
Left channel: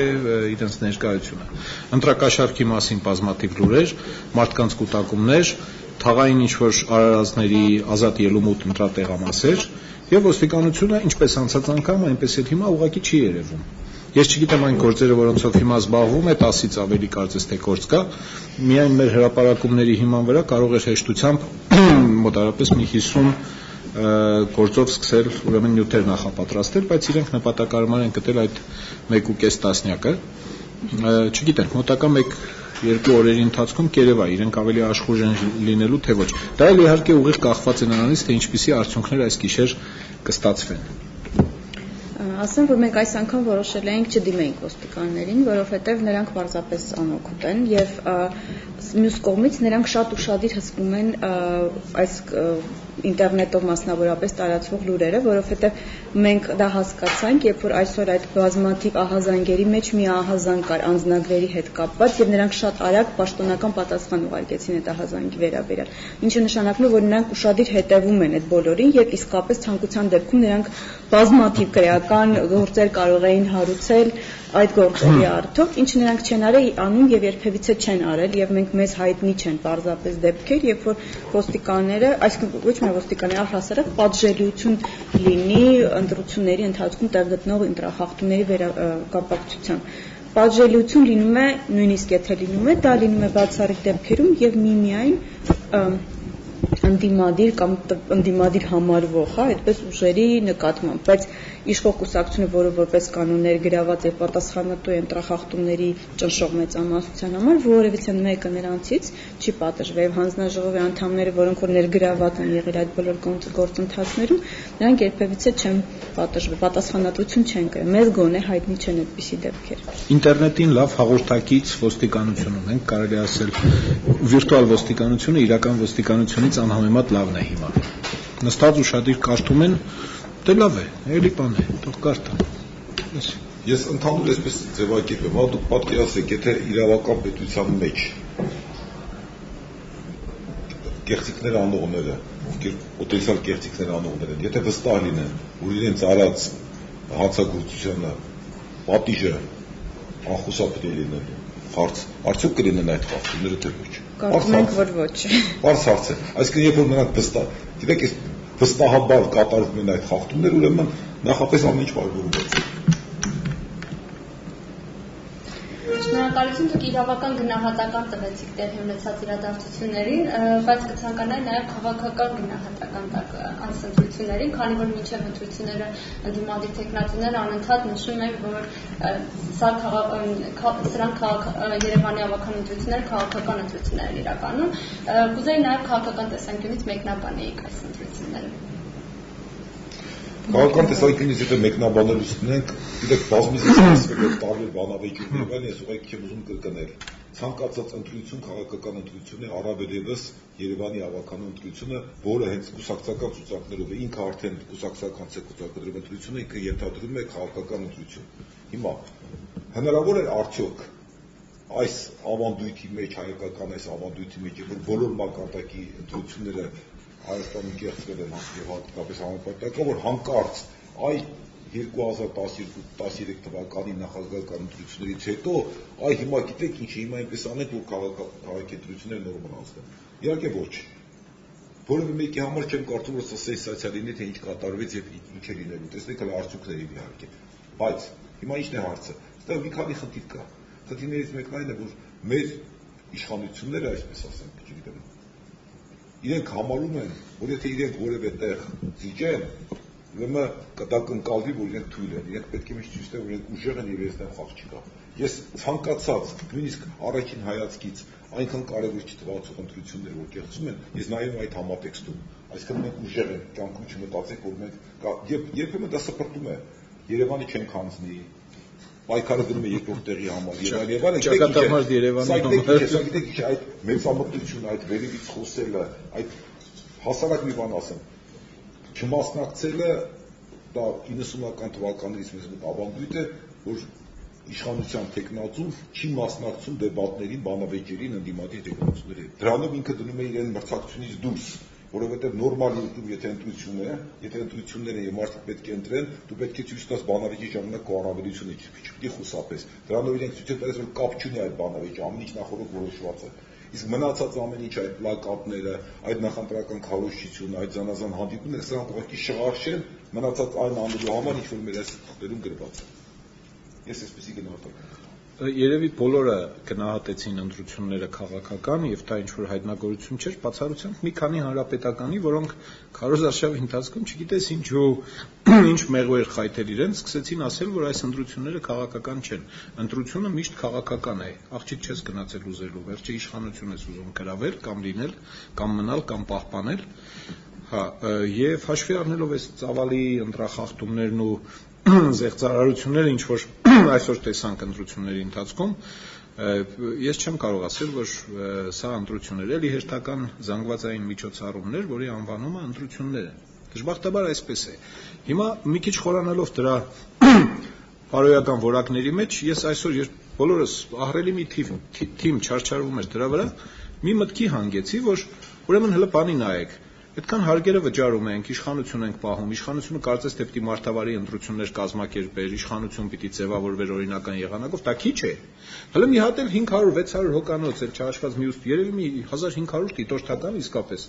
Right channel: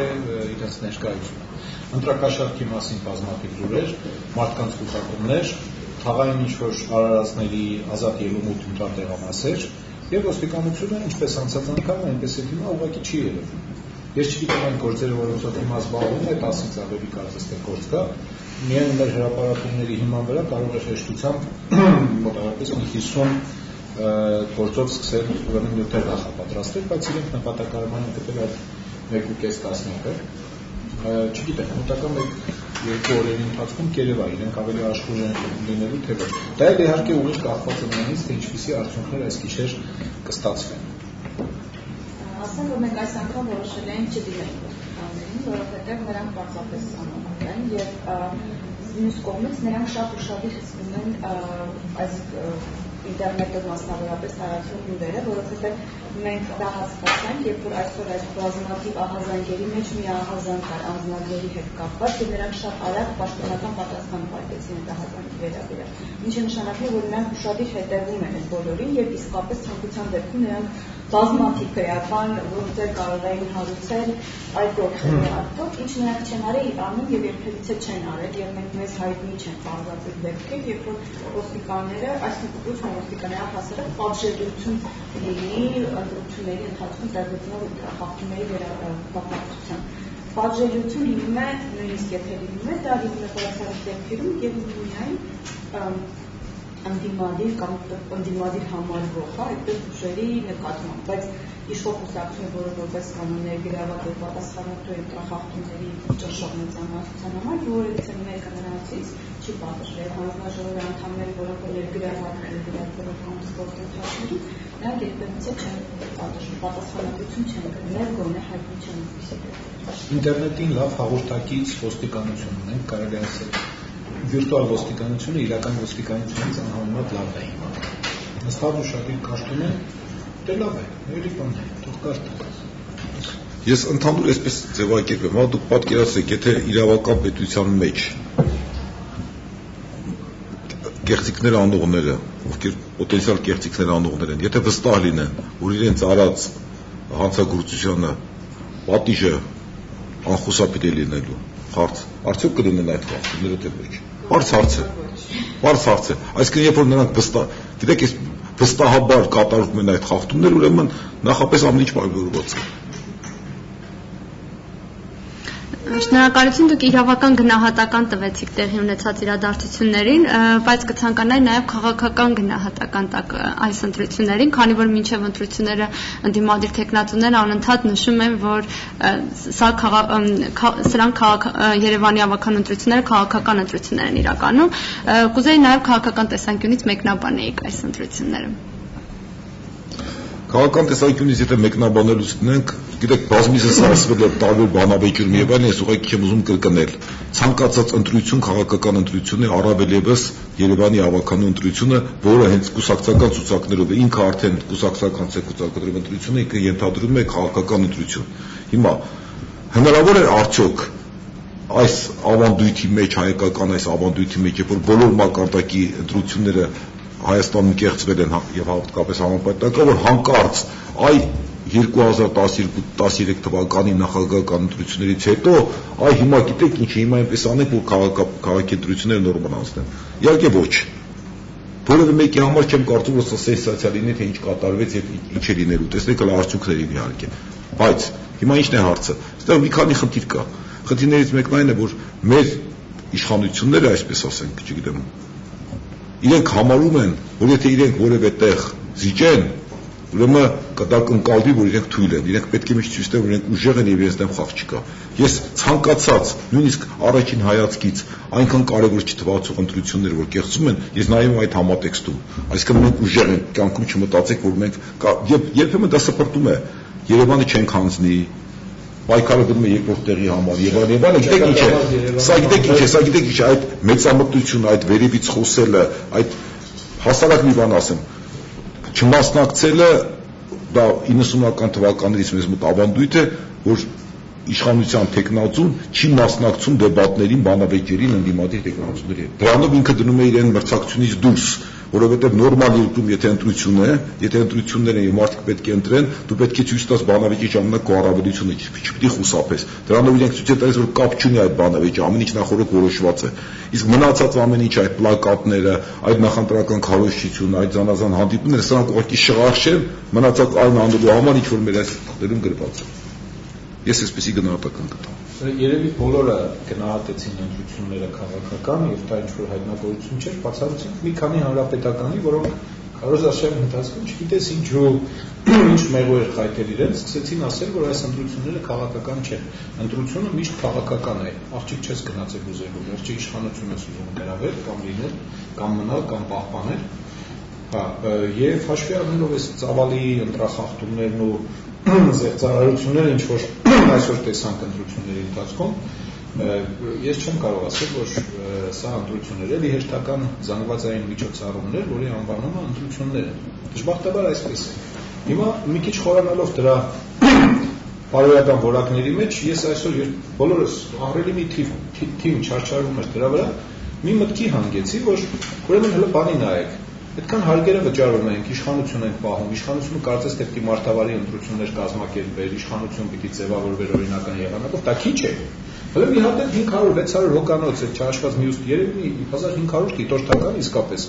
իրենց ներկայությունը ընտրակաշառքի մասին բազմաթիվ լուրեր մարդկանց կուտակումներ թաղային ինչ-որ արարածների ազատ ելումուտ ընտրատեղամասեր եւ ոստիկանությունը ինչպես անցած անգամ այնպես էլ հիմա ուղղակի չի երևում Ես չգիտեմ այն գործերը, որոնցով հիմա զբաղվում է, 10-ից ավելի կարծես թե գործ կա, միայն մեր հրապարակումների հիման վրա կարող է հեշտությամբ մոտավորապես մի 50 գործով սկսել ուրեմն նյութեր նախապատրաստել, բայց իրենք նպատակարար են գտել այդ 1.5 տասնյակը։ Չգիտենք, մոտակա 1-2 օրերի ընթացքում կերևա իրենք ավելի աշխուժ են լինելու թե ոչ։ Դա էլ իհարկե ուղիղ կախված է նրանից, թե ինչպիսի արդյունքներ այս գիշեր կստացվեն։ Ասեմ, որ մենք այս անգամ որոշել էինք չդիմենք ոստիկաններին, որովհետև նրանք պարզապես անօգուտ են եւ մյուս կողմից նրանք շատ ուշադիր հսկում են այս ինտերնետով մասնավորապես տարածվող լուրերը, որովհետև մենք դա հասկացանք, երբ որ այսօր այդ բազմաթիվ ահազանգերի մեջ մի ահազանգ կար անձնագրերի հետ կապված եւ նրանք շատ արագ պաշտոնական պատասխան ուղարկեցին այդ ահազանգի վերաբերյալ, ինչը նշանակում է, որ նրանք ուշադիր հետևում են այդ բոլորին եւ իսկապես ցանկության դեպքում նրանք բազմաթիվ քրեական գործեր կարող էին հարուցել այդ գործերի արդյոք, ինչ նրանք չեն անում եւ երբևիցե չեն արել եւ մենք մեզ հայտնի չեն պարզապես դեպքեր, երբ որ ոստիկանները, այսինքն ոչ միայն ոստիկանները, առհասարակ պատժելիություն լինի ընտրությունների ընթացքում տեղ գտնող ընտրախախտումների կապակցությամբ։ Պատժելիություն լինում է, նույնիսկ եթե լինում է, դա լինում է բացառիկ դեպքերում եւ միմիայն ընդդիմադիր կամ ընդդիմադիր համարվող, այդպես ուժերի նկատմամբ, բայց իշխող կուսակցությունը, որը որպես կանոն ներգրաված եւ պատասխանատու է ընտրախախտումների ճնշող մեծամասնության համար, որևիցե մեկը նրանցից չի պատժվել։ Հանձնաժողովի անդամները, որոնք որ ներգրաված են եղել այդ բոլոր գործընթացներում, նրանք երբևիցե չեն պատժվել, պատասխանատվություն չեն կրել։ Մեզ գոնե հայտնի չեն այդպիսի դեպքեր։ Ինտերնետին լավ հաղորդակից ոստիկանությունում ենք, կարելի ասել, վիրտուալ ոստիկանությունը իրական ոստիկանությունից անհամեմատ լավն է հիմա։ Նստած ուշադիր կարդում են, դե լավ է, էլի բան է, թող կարդան։ Ես ընդհանուր այսպես ձևակերպեմ, հա դուք պատկերացրեք, եթե իրավական պետության մեջ կեղծիքներ անողները, ովքեր պոտենցիալ կեղծիքներ անողներ են, եթե վստահ լինեն, որ իրենց արած հանցագործությանը պատիժը անխուսափելի լինելու հարց, արդյոք կլինեն այդ խախտումները թե ոչ։ Հարց հարց է։ Այսինքն երբ որ նրանք վստահ, գիտեք, այս վստահաբար կատարվում են այդ խախտումները, ուրեմն նախապես ամեն ինչ պայմանավորված է։ Շնորհակալություն, դուք իրավական գնահատական տվեցիք տեղի ունեցած իրադարձություններին, բայց կցանկանայի նաև քաղաքական գնահատական տակ այս ընտրություններին, քանի որ մինչև ընտրությունները ընդդիմադիր թեկնածուները անընդհատ նշում են, որ սրանք Երևանի ավագական ընտրությունները քաղաքական ընտրություններ են իրականում, կուզեի նաև քաղաքական տեսանկյունից մեկնաբանեիք այս ընտրությունները։ Քաղաքական տեսանկյունից եթե մեկնաբանելուց ունենք, գիտեք, բազմիցս ասվել է տարբեր բանավեճերում եւ այլն, ես ուղղակի չեմ ուզում կրկնել։ Ցանկացած ընտրություն քաղաքական ընտրություն է, առավել եւս Երևանի ավականու ընտրությունը, որը հենց կուսակցական ցուցակներով է, ինքը արդեն կուսակցական ցուցակներով ընտրություն է, ինքը ենթադրում է քաղաքական ընտրություն։ Հիմա հնարավոր է արդյոք այս ավանդույթի մեջ, հայկական այս ավանդույթի մեջ, երբ որ բոլոր մակարդակի ընտրությունները Հայաստանում կեղծվել են եւ հատկապես համապատասխան, որ հանկարծ այ 2012-13 թվականի նախագահական ընտրություններից հետո այ հիմա գիտեք ինչ, հիմա այնպես անենք, որ քաղաքի ընտրությունները նորմալ անցնեն։ Իհարկե ոչ։ Որևէ մեկի համար չեմ կարծում, որ սա սենսացիա լինի, թե ինչ կատարվեց եւ ինչ է լինելու։ Տեսնեք հələ արդյունքներին իհարկե։ Բայց հիմա ինչն է հարցը։ Այստեղ մի քանի խնդիր կա։ Խնդիրներից մեկն այն է, որ մեր իշխանությունները, այսպես ասենք, չգիտեմ, իրենք համարում են, որ եթե իրենք որևէ տեղ զիջեն, ուրեմն դա կընկալվի, որ իրենք թույլ են, իրենք պետք է միշտ ցույց տան, որ իրենք ուժեղ են եւ իրենց դեմ խաղ չկա։ Ես ցանկացած, նույնիսկ առաջին հայացքից այնքան կարևոր չթվացող ընտրություններ, որ կեղծում են, ես նայում եմ այդ համատեքստում, այսինքն մենք ուժեղ ենք, կյանքում չմտածեք, որ մենք երբեմն դա սպրտում է, Երևանը չենք հանձնի, պայքարը գնում է երկրորդ տեղի համար եւ այլն, գիտեք ինչ է, սա գիտեք ինչ է, այդ մեծամտությունը, այդ վերևից խոսելը, այդ հասարակ մի բան ասեմ, չմասնակցելը դա 90-ական թվականներից մեզ մոտ ավանդույթ է, որ իշխանության տեխնացուն չի մասնակցում դեբատներին, բանավեճերին, ընդդիմադիր տեխնացուների հետ։ Դրանով ինքը դնում է իրեն մրցակցությունից դուրս, որովհետև նորմալ երկրում եթե ընտրություն է, եթե ընտրություններ են եւ մարդիկ պետք է ընտրեն, դու պետք է ցույց տաս բանավեճի ժամանակ քո առավելությունը, չպիտի խուսափես։ Դրանով իրենք ցույց են տալիս, որ կապ չունի այդ բանավեճը, ամեն ինչ նախորդ որոշված է։ Իսկ մնացած ամեն ինչ այդ պլակատները, այդ նախընտրական քարոզչությունը, այդ զանազան հանդիպումները, սրանք ուղղակի շղարշ են, մնացած այն անելու համար ինչ որ մեր այս թղթերում գրված է։ Ես այսպեսի գնահատական կտամ։ Երևի բոլորը գնահատեցին ընտրությունները քաղաքական եւ դա ինչ որ հայտնագործություն չէր, բացառությամբ մի քանի հանրապետականի, որոնք քարոզարշավի ընթացքում չգիտես ինչու ինչ մեղու էր խայտել իրենց, սկսեցին ասել, որ այս ընտրությունները քաղաքական չեն։ Ընտրությունը միշտ քաղաքական է։ Աղջիկ չես գնացել ուզելու, վերջի իշխանություն ես ուզում գրավել կամ լինել, կամ մնալ, կամ պահպանել։ Հա, եւ հաշվի առնելով այս ծավալի ընտրախախտումներն ու զեղծարարությունները, ինչ որ այսօր տեսանք ընտրությունների ընթացքում, ես չեմ կարող ասել, որ սա ընտրություններ էլի հերթական զանգվածային միջոցառումներ, որի անվանումը ընտրություններ են։ Դժբախտաբար այսպես է։ Հիմա մի քիչ խորանալով դրա բարոյական որակների մեջ, ես այսօր բոլորս ահռելի մի թիմ չարչարվում էր դրա վրա, մի մտքի հանգեցի, որ ուրեմն հələ բանի նայեք։ Այդքան հարգերը վճարում ենք, իշխանություն ենք պահում, իշխանությունը կարծես թե պիտի մարդավարի ընտրություններ կազմակերպեր, իշխանություն պիտի ձևավորվեր օրինական եղանակով, դա քիչ է։ Հələ մի հատ 500-600 հոկանոց է չհաշված մյուս երևի 1500 դիտորդական իսկապես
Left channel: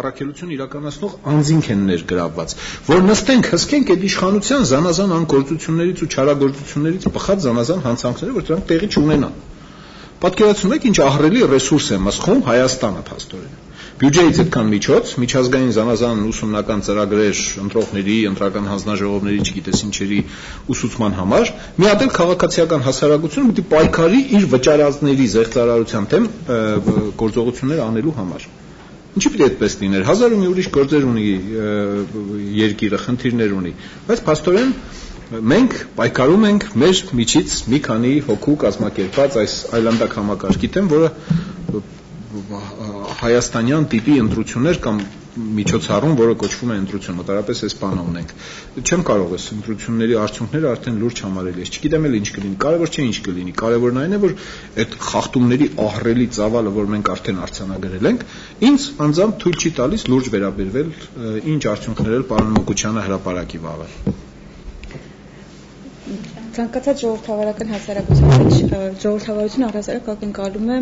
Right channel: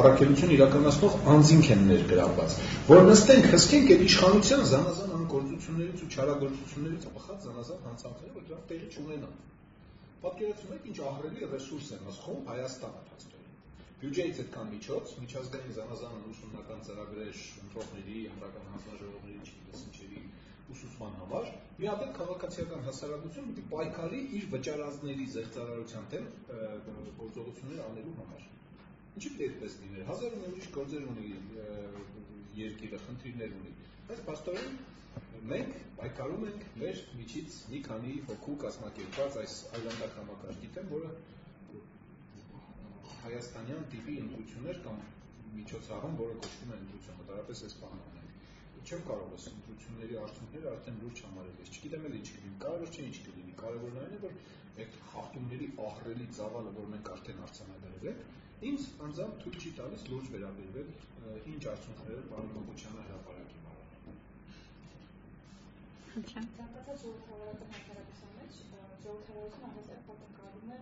առաքելություն իրականացնող անձինք են ներգրավված, որ նստենք, հսկենք այդ իշխանության զանազան անգործություններից ու չարագործություններից բխած զանազան հանցանքները, որ դրանք տեղի չունենան։ Պատկերացնում եք ինչ ահռելի ռեսուրս է մսխում Հայաստանը փաստորեն։ Բյուջեից այդքան միջոց, միջազգային զանազան ուսումնական ծրագրեր ընտրողների, ընտրական հանձնաժողովների, չգիտես ինչերի ուսուցման համար, մի հատ էլ քաղաքացիական հասարակությունը պիտի պայքարի իր վճարածների զեղծարարության դեմ գործողություններ անելու համար։ Ինչի՞ պիտի այդպես լիներ։ Հազար ու մի ուրիշ գործեր ունի երկիրը, խնդիրներ ունի, բայց փաստորեն մենք պայքարում ենք մեր միջից մի քանի հոգու կազմակերպած այս այլանդակ համակարգի դեմ, որը հայաստանյան տիպի ընտրություններ կամ միջոցառում, որը կոչվում է ընտրություն, մոտավորապես այս բանը ունենք։ Չեմ կարող այս ընտրությունների արդյունքները արդեն լուրջ համարել, ես չգիտեմ էլ ինչ կլինի, կարևոր չէ ինչ կլինի, կարևորն այն է, որ այդ խախտումների ահռելի ծավալը, որ մենք արդեն արձանագրել ենք, ինձ անձամբ թույլ չի տալիս լուրջ վերաբերվել ինչ արդյունքներ էլ պարոն Մոկուչյանը հրապարակի վաղը։ Ցանկացած ժողովրդավարական հասարակության մեջ ժողովրդավարությունը առհասարակ ակնկալում է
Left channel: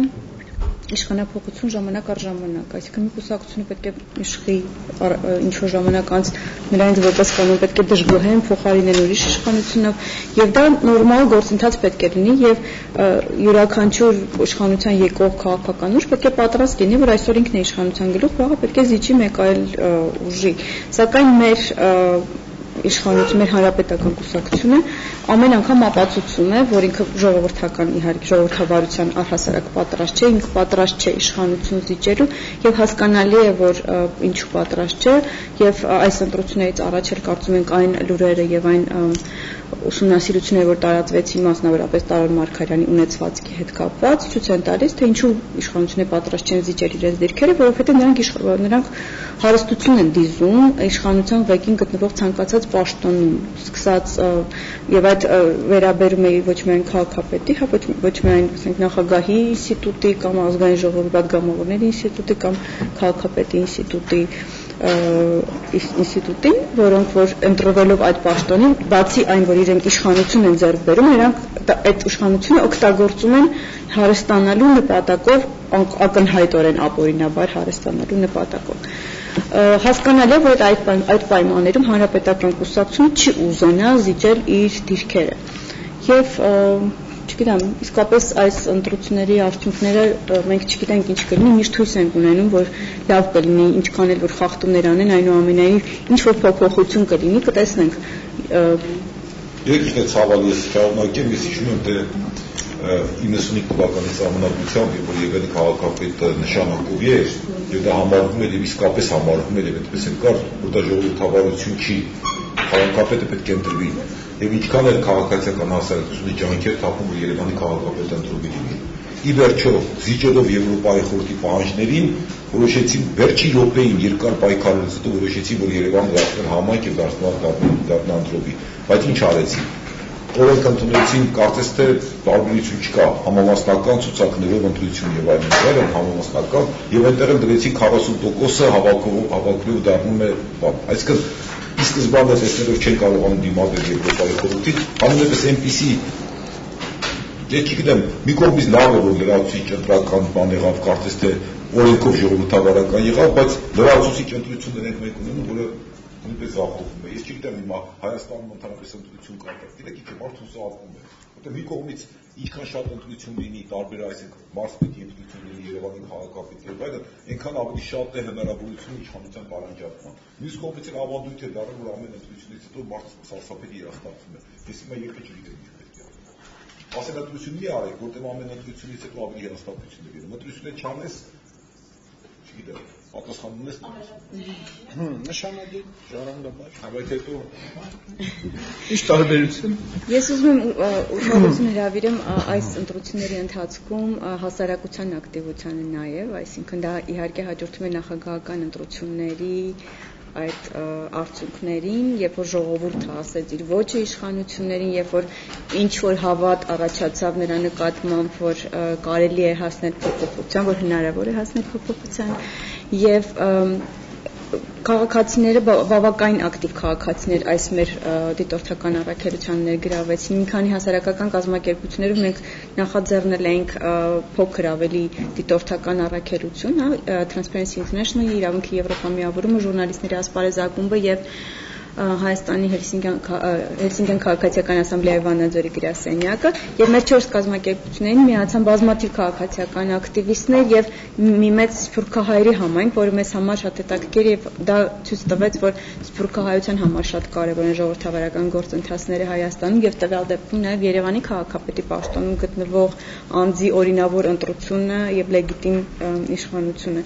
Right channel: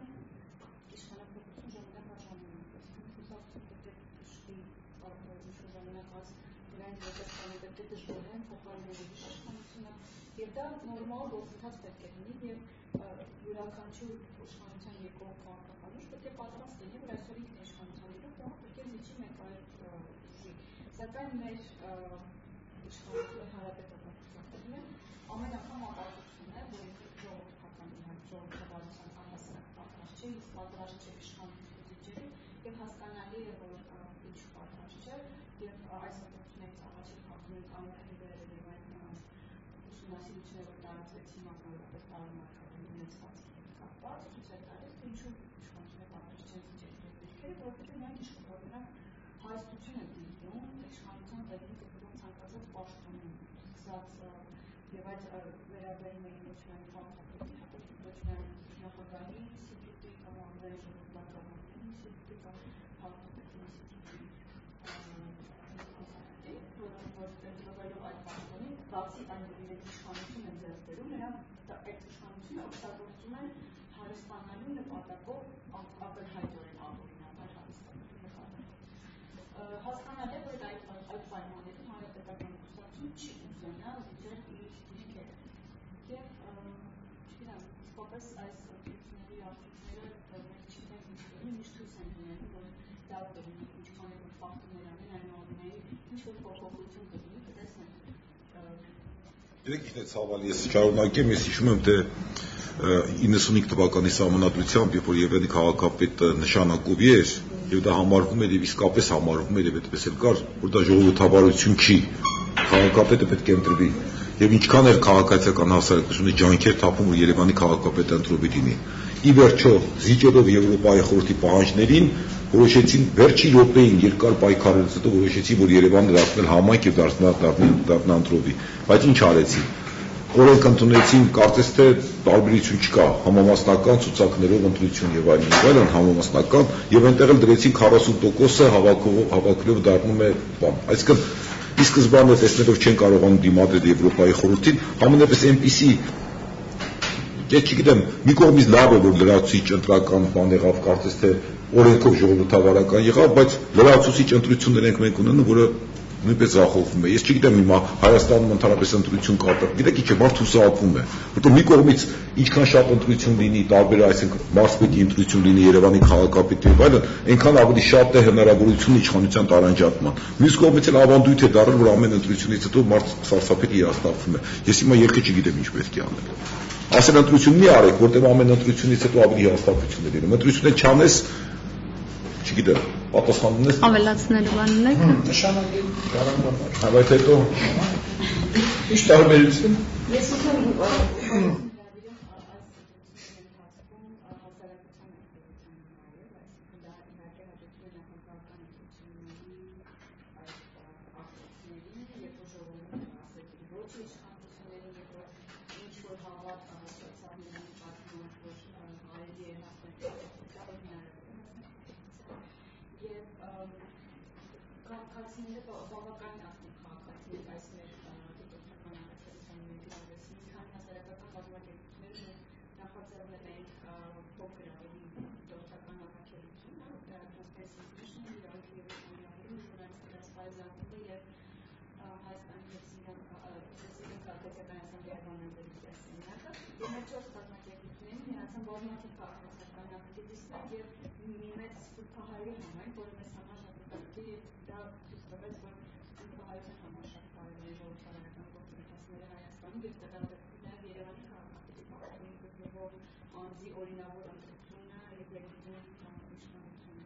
իշխանափոխություն ժամանակ առ ժամանակ, այսինքն մի կուսակցությունը պետք է իշխի ինչ-որ ժամանակ անց նրանց որպես կանոն պետք է դժգոհեն, փոխարինեն ուրիշ իշխանությունով, եւ դա նորմալ գործընթաց պետք է լինի եւ յուրաքանչյուր իշխանության եկող քաղաքական ուժ պետք է պատրաստ լինի, որ այսօր ինքն է իշխանության գլուխ, վաղը պետք է զիջի մեկ այլ ուժի։ Սակայն մեր իշխանություն, մեր հանրապետական կուսակցությունը ամեն անգամ ապացուցում է, որ ինքը ժողովրդական իհարկե ժողովրդավարության առհասարակ պատրաստ չէ, ինքը պատրաստ չէ իշխանություն զիջելու եւ հասկանալի է, որ ինչու պատրաստ չէ եւ այս ընտրություններից առաջ էլ կարծում ենք այն լուրերը եւ այն ուսումնասիրությունները, որ տարածվեցին մասնավորապես Տարոն Մարգարյանի ունեցվածքի հետ կապված, ցույց են տալիս, թե ինչու իշխանությունները պատրաստ չեն զիջել իրենց դիրքերը, որովհետեւ նրանք հարստություն են դիզում իշխանության ղեկին գտնվող ցանկացած պաշտոնում, սկսած եւ այդ վերաբերում է ոչ միայն քաղաքապետի, հա ոչ միայն ասենք նախագահի ինստիտուտի կամ ազգային ժողովի պատգամավորների ինստիտուտի կամ քաղաքապետի ինստիտուտին, որոնք որ ընտրվելով այդ պաշտոնին, բացի այն, որ իրենք իշխանություն են ձեռք բերում, նրանք այդ իշխանությունը օգտագործում են հարստանալու նպատակով, ակնհայտորեն ապօրինաբար հարստանալու նպատակով։ Հասկանալի է, որ այդ պայմաններում հանրապետական կուսակցությունը չի ուզենա զիջել իր դիրքերը։ Եվ չգիտեմ, իսկապես այս ընտրությունների արդյունքները մենք չգիտենք ինչ կլինի, միշտ հույս ենք ունենում, որ լավ կլինի, ինչքան էլ որ խախտումներ անեն, այնուամենայնիվ ինչ որ փոփոխություն կլինի, կտեսնենք։ Եկեք ցավալի շարունակեմ, ես հիշում եմ, թե 95 թվականի սահմանադրությամբ, երբ որ Եվգենի քաղաքապետը նշանակովի էր, եւ դա համարվում էր եւ իսկապես համարվում էր եւ այդպես էլ կար, որ դա ժողովրդավարություն չի, քաղաքապետը պետք է ընտրվի եւ ինչքան էլ քաղաքացիական հասարակությունը ջանքեր թափում, որ Երևանի քաղաքապետը ընտրվի լինի։ Ի վերջո, զիջելով Եվրոպայի խորհրդի պահանջներին, որոշեցին վերջի րոպեին երկար պայքարելուց հետո որոշեցին, որ Երևանը դարձնել համայնք եւ դառնա ընտրովի։ Բայց ինչ արեցին։ Որոնք ընդունեցին, կարծես թե տարբերություն չկա, համամասնական ցուցակներով ընտրություն եւ այլն, համամասնական եւ այնտեղ դրեցին 40%-ը հավաքելով դառնում է բան։ Այսինքն ի սկզբանե տեսնելով չեն կարողանում դիմադրել Եվրոպայի խորհրդին, ամենապես այնպիսի ես չգիտեմ, մի կողմից լավ է, որ լրացուցիչ ընտրական բան եղավ, կարծես թե օրենքով ժողովրդավարական եղավ, բայց լրացուցիչ ընտրություններ ենք մենք ունենում, որը նույնպես ձախողվում է։ Ես չգիտեմ հիմա Հայաստանում ընդհանրապես ընտրություն կատարել։ Գիտեք ինչ է, մարդ հուսահատվում է, որտեղ մի կողմից ինչքան շատ ընտրություն լինի, տարբեր այսինքն մարզպետի ընտրություն լինի Երևանի քաղաքապետի եւ այլն, այնքան ավելի շատ է հնարավորություն իշխանության տարանջատման։ Մյուս կողմից էլ ավանդույթ է դառել, որ ամեն ընտրությունից հետո մարդ սարսափելի հիասթափվում է։ Ես հիմա երկը չգիտեմ ինչ պետք է անել։ Ասել ընտրություն մի արեք, որտեղ ամեն ընտրությունից հետո ավելի հիասթափություններ լինեն։ Ընտրությունը չանես, չգիտեմ, պատասխան ունես։ Ավելացնելու բան ունեք։ Նշանակի գարանգորներ։ Բայց հետո ինչ տարբերություն։ Ես ուզում եմ ուշադրություն հրավիրեմ այս ընտրությունների ընթացքում հասարակության ակտիվությանը նաև, այսինքն դա իհարկե հաջորդում է նախագահական ընտրությունների այդ արդյունքներին, երբ որ ժողովուրդը ասեց իր ոճը իշխանություններին, երբ որ ինչ որ հավատ առաջացավ նրա նկատմամբ, որ կարելի է հասնել փոփոխության, որ հնարավոր է հասնել փոփոխության, եւ քաղաքացիները բավականին ակտիվ քաղաքացիներ այս մեր դիտորդական առաքելության ներգրավեցին։ Մի քանի հասարակական կազմակերպություններով մենք նախաձեռնել ենք փոքր ավելի դիտորդական առաքելություն, Transparency International, Իրավունքի Եվրոպա միավորումը, ժուրնալիստների ասպարեզ ակումբը եւ Հայաստանի Հելսինկյան քաղաքացիական ասամբլեայի Վանաձորի գրասենյակը եւ մեր 4 կազմակերպություններին միացան բազմաթիվ քաղաքացիական ակտիվիստներ եւ մի մեծ սփյուռքահայերի համայնք, որը մեզ համար շատ հետաքրքիր եւ դա ցույց տվեց, որ սփյուռքահայության համար շատ կարեւոր են ժողովրդավարական գործընթացները Հայաստանում եւ տվյալ դեպքում նաեւ Երևանի քաղաքապետի պաշտոնում գտնվող անձի օրինավոր ընտրությունը եւ լեգիտիմ իշխանությունը։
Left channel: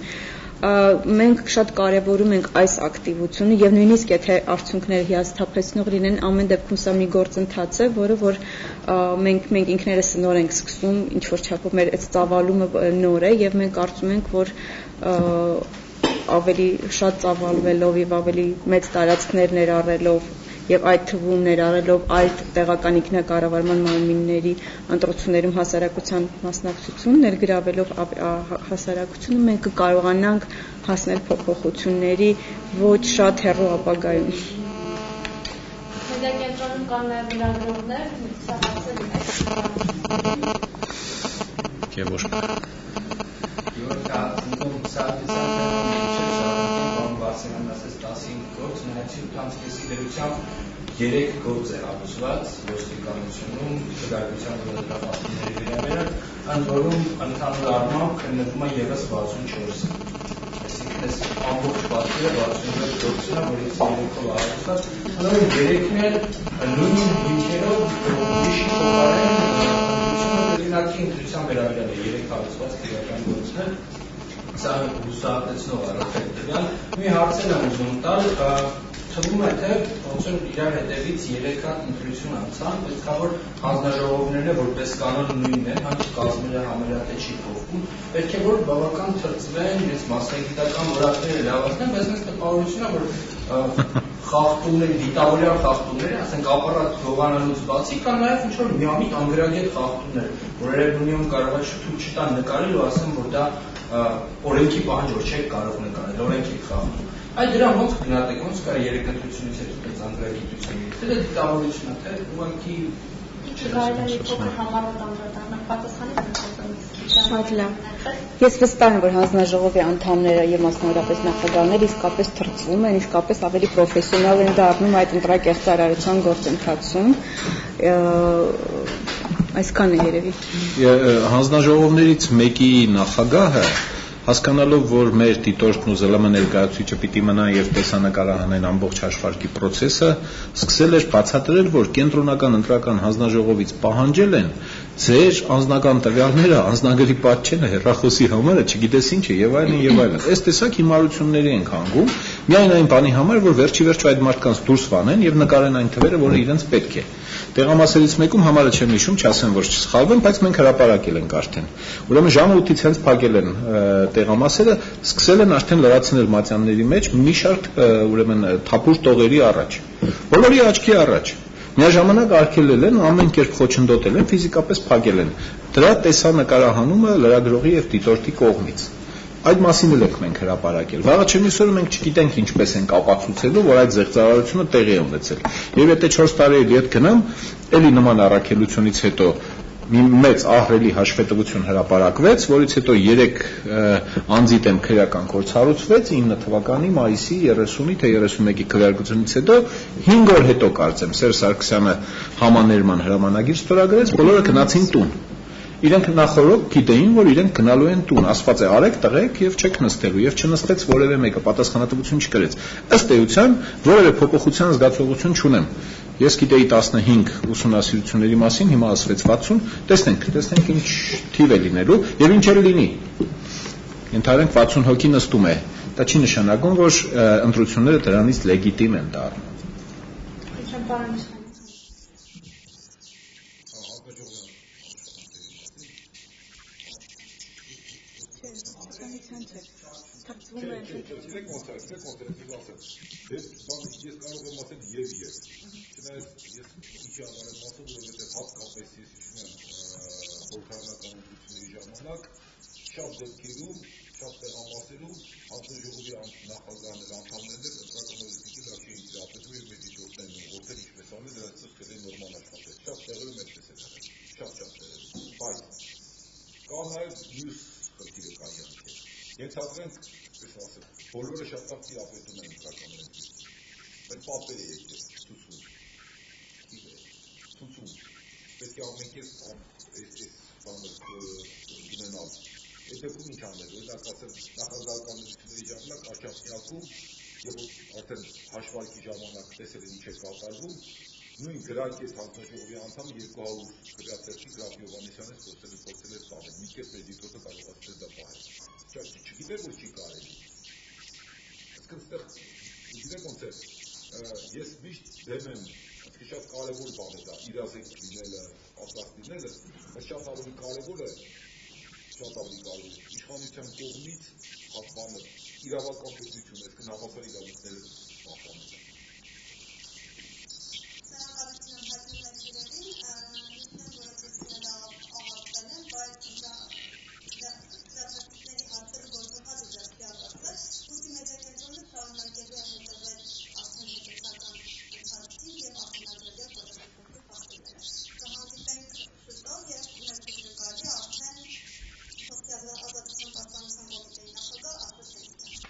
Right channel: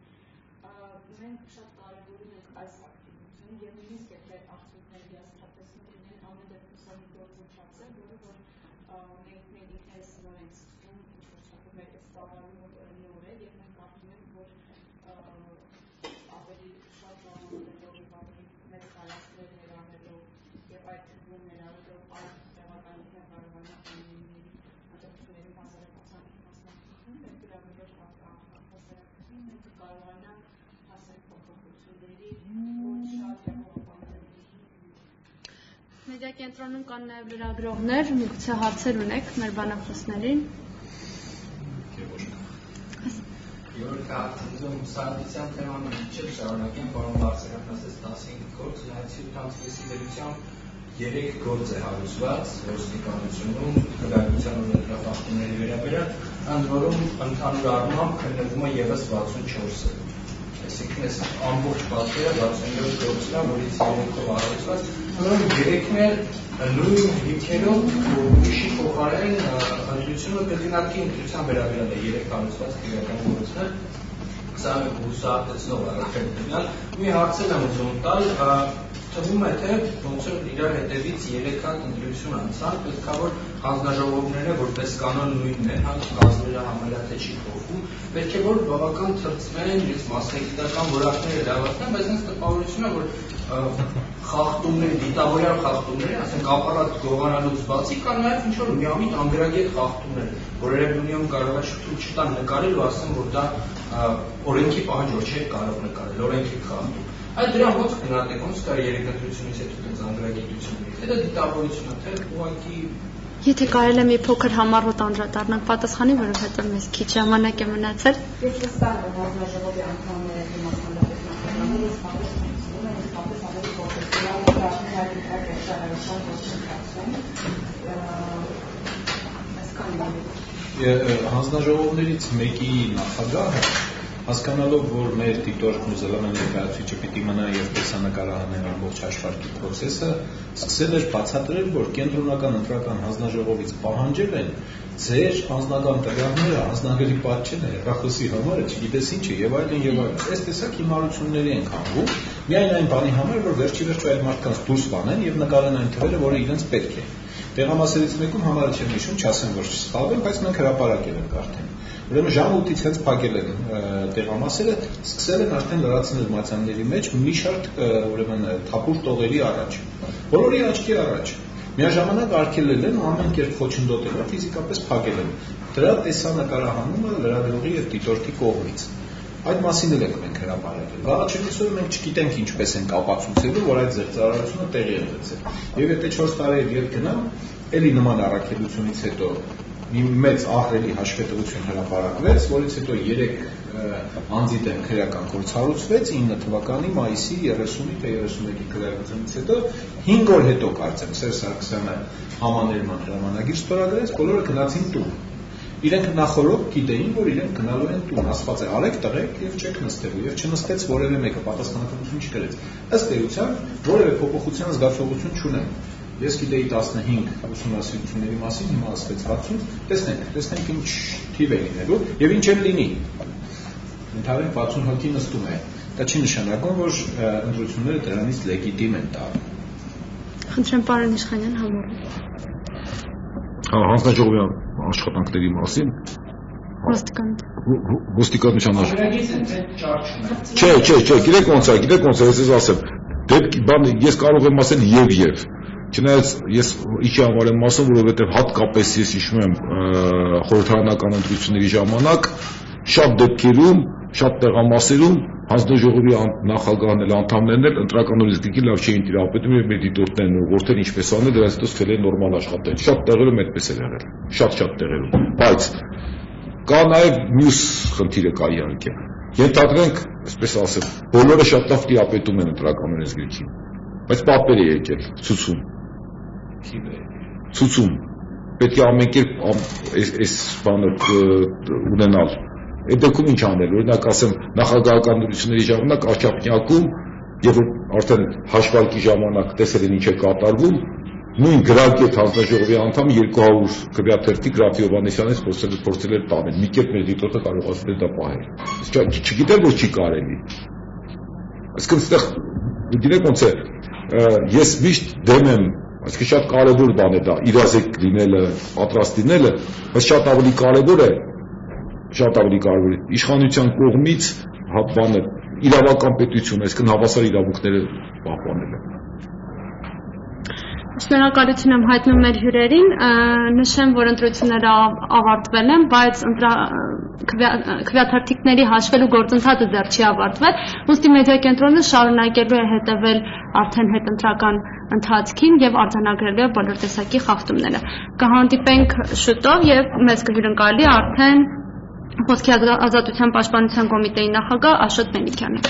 Մենք շատ կարևորում ենք այս ակտիվությունը եւ նույնիսկ եթե արդյունքները հիասթափեցնող լինեն, ամեն դեպքում սա մի գործընթաց է, որը որ մենք ինքներս նոր ենք սկսում, ինչ որ չափով մեր այդ ծավալումը նոր է եւ մենք կարծում ենք, որ ավելի շատ ծավալվելով եւ ավելի մեծ տարածքներ ներառելով եւ այդ թվում ներառելով այլ տեղական ինքնակառավարման մարմինների ընտրություններում հասարակության մասնակցություն ներգրավելով հասարակությունը մենք կկարողանանք հասնել փոփոխությունների ոչ շատ հեռու ապագայում։ Կենտրոնում կան նաև լրագրողներ, միգուցե հարցեր ունեք մեր բանակցություններին։ Երեք գործ է հարուցված ոստիկանությունում լրագրության մոդերատորների վերաբերյալ, ընդ որում ընդհանուր առմամբ քննվում է ևս 64-ը։ Այսինքն այս ամբողջ պատկերը 67 գործն է, որից 3-ով հարուցված, հանրային 3-ն էլ նույն հիմքերով ուրիշի փոխարեն օրինակի ընտրության վերաբերյալ է 3 հարուցված քրեական գործներ։ Սա հուսահատեցնող առաքելության մի հարցեր եմ ուզում տալ, թվում է թե ոնց որ իրար հետևից 3 հատ ընտրություն անցան, պետք է որ հանձնաժողովներն որպես կանոն նույնն են, հա կազմերը համարյա չի փոխվում, պետք է որ բավական թրծվեն, իրենց մասնագիտական որակները լավացնեն, բայց հենց տպավորություն է, որ խախտումների, դիտավորյալ խախտումների, ասենք ապարատ գողանալուց բացի կան նաև ինչ որ միամիտ անգրագետ խախտումներ, որ երևույթում կարող է շփոթ չտան նկարել ու ասեմ, որ դա օրենքի պահանջ որ չէ կարող նկարել, օրենքի խախտում։ Այդ դրան ոնց գնահատեք, ոնց կարելի երեք ընտրությունից հետո դες անգրագիտություն գիտեք, թե դա դիտավորություն է, թե ուղղակի Եթե կարելի է մի փոքր համառոտ անդրադառնալ պատասխանի, որովհետև մեզ քիչ ժամանակ է մնացել։ Ես վստահ եմ, որ հանձնաժողովի անդամները եւ մասնավորապես նախագահները իսկապես թրծվում են, իսկապես ավելի պրոֆեսիոնալ են դառնում այդ ընտրակեղծարարության գործընթացում։ Այսքան է երևի։ Հանձնաժողովներից մեկի նախագահը հասկանալով, որ մեր դիտորդն ու ԶԼՄ ներկայացուցիչը պիտի մնա եւ տեսանկարահանեն ամբողջ հաշվարկի process-ը, սկսել էր բացատրել, որ կենտրոնական ընտրական հանձնաժողովից պահանջել են ձեր անձնական տվյալները անձնագրի պատճենը, հեռախոսի համարը, չգիտես ինչ է եւ այլն եւ այլն։ Այս տեսակ հիմարությունների են հանգում, միայն այն բանի համար, որ վերջի վերջ այդ մարդկանց դուրս վանեն եւ նկարեն այն թվերը, որը իրենց պետք է։ Տեղամասերից մեկում համարը չեմ հիշում, չասեմ, որ չսխալվեմ, բայց մենք հրապարակել ենք արդեն։ Ուրեմն ժամը 8-ից հենց փակել են տեղամասերը, սկսել են արդեն լրացնել մատյանների մեջ մի շարք ուրեմն թափուր տողերի առաջ։ Բոլորի աչքի առաջ։ Միաժամանակ արգելել են, ամեն կերպ խոչընդոտել են, ֆիզիկապես փակել են։ Դրա տեսանկարահանումը լրագրողի եւ դիտորդի կողմից։ Այդ մասին էլ ենք մենք հրապարակել։ Վաղը չմիսօրը մենք չգիտենք ինչպես ենք ապացուցելու, որ այդ զեղծարարությունը տեղի է ունեցել։ Եվ եթե 4 տարի հետ գնամ, էլի նման առաքելությունից հետո մի մեծ ահռելի հաշվետվություն հրապարակվեց, որից հետո 3 անձի դեմ քրեական գործ հարուցվեց 9 թվականի մայիսի 30-ի թե 31-ի քվեարկությունից հետո 5 օր հետո կարծեմ Սերժ Սարգսյանը համաներման հրամանագիր ստորագրեց, բոլորը գնացին տուն։ Իրենք նախորդ գիտեին, որ իրենք գնալու են տուն, ասված է արեք, տղեք եւ չեք նստելու եւ չնստեց որևէ մեկը, պատասխանատվություն չկրեց։ Ըստ էության որևէ փոփոխության զգացողություն չունեմ։ Ես գիտեի 15 ուսումնասիրությունների մասին, հիմա ասվեց 60, տեսնենք ինչ թիվ է լինելու եւ ինչ էլ լինի։ Ենթադրենք 60 հոգի նստում է։ Դա չի նշանակում, որ ընտրությունները դրանից լեգիտիմ են դառնում։ Խնդրեմ պարոն Իշխանյան համառը։ Հանձնաժողովի աշխատանքների մասին ոստիկանության Չէ, գիտեք ոնց է, ես ասեմ, ես կարող եմ ասել եւ չնայած ես իջի անվարեմ ասում, որովհետեւ հատկապես ես հիշում եմ խորհրդարանական ընտրությունների ժամանակ շատ դեպքերում, շատ տեղամասերում հանձնաժողովի նախագահն էլ անդամներն էլ ընտրական օրենսգրքի լավ չէին տիրապետում եւ մեր դիտորդներն ուղղորդել ինչպես անել, դրանից հետո սկսել են նորմալ աշխատել։ Շատ տեղերում այդպես է եղել, շատ տեղերում, բայց կա նաեւ մյուս խնդիրը կա իհարկե։ Ենթադրենք, այսպես ասեմ, բոլորը շատ լավ տիրապետում են ընտրական օրենսգրքին, բայց պատվեր է եկել ցուցում։ Պետք է ամեն կերպ այս բանը ունենալ։ Այդ դեպքում ինչ անել, օրինակ ասեմ, նախագահական ընտրությունների ժամանակ Աչափնյակում, երբ որ արդեն հաշվարկի ժամանակ տեսել են ինչ է կատարվում, նույն գրագետ հանձնաժողովի անդամ 200 քվեաթերթի Գրաֆի Հովհաննիսյանից փորձել էր տանել։ Մի կերպ մեր դիտորդը կարողացել է դա պահել։ Չգիտեր, որ չի կարելի։ Այսինքն այստեղ գիտեք ոնց է, ես միշտ դեմ եմ, այսինքն շատ կարևոր բան է դա, իրազեկ լինելը, պատրաստ լինելը, բայց շատ ավելի կարևոր է իշխանության կողմից բանը իրավական պետություն, այսինքն հավասար իրավունքները պահպանելը։ Շնորհակալություն եմ հայտնում մեր հյուրերին, նշեմ, որ ընտրությունները ավարտվել են, բայց քվեաթերթիկների հաշվելու գործընթացը դեռ չի ավարտվել, ուստի մեդիա կենտրոնը շարունակելու է հետևել արդեն հետընտրական ընթացքին եւ արձանագրելու է բոլոր տեսակի խախտումները։ Կհանդիպենք շուտով եւ մեզ կհյուրընկալի արդեն Խոսքի ազատության պաշտպանության կոմիտեի նախագահ Աշոտ Մելիքյանը։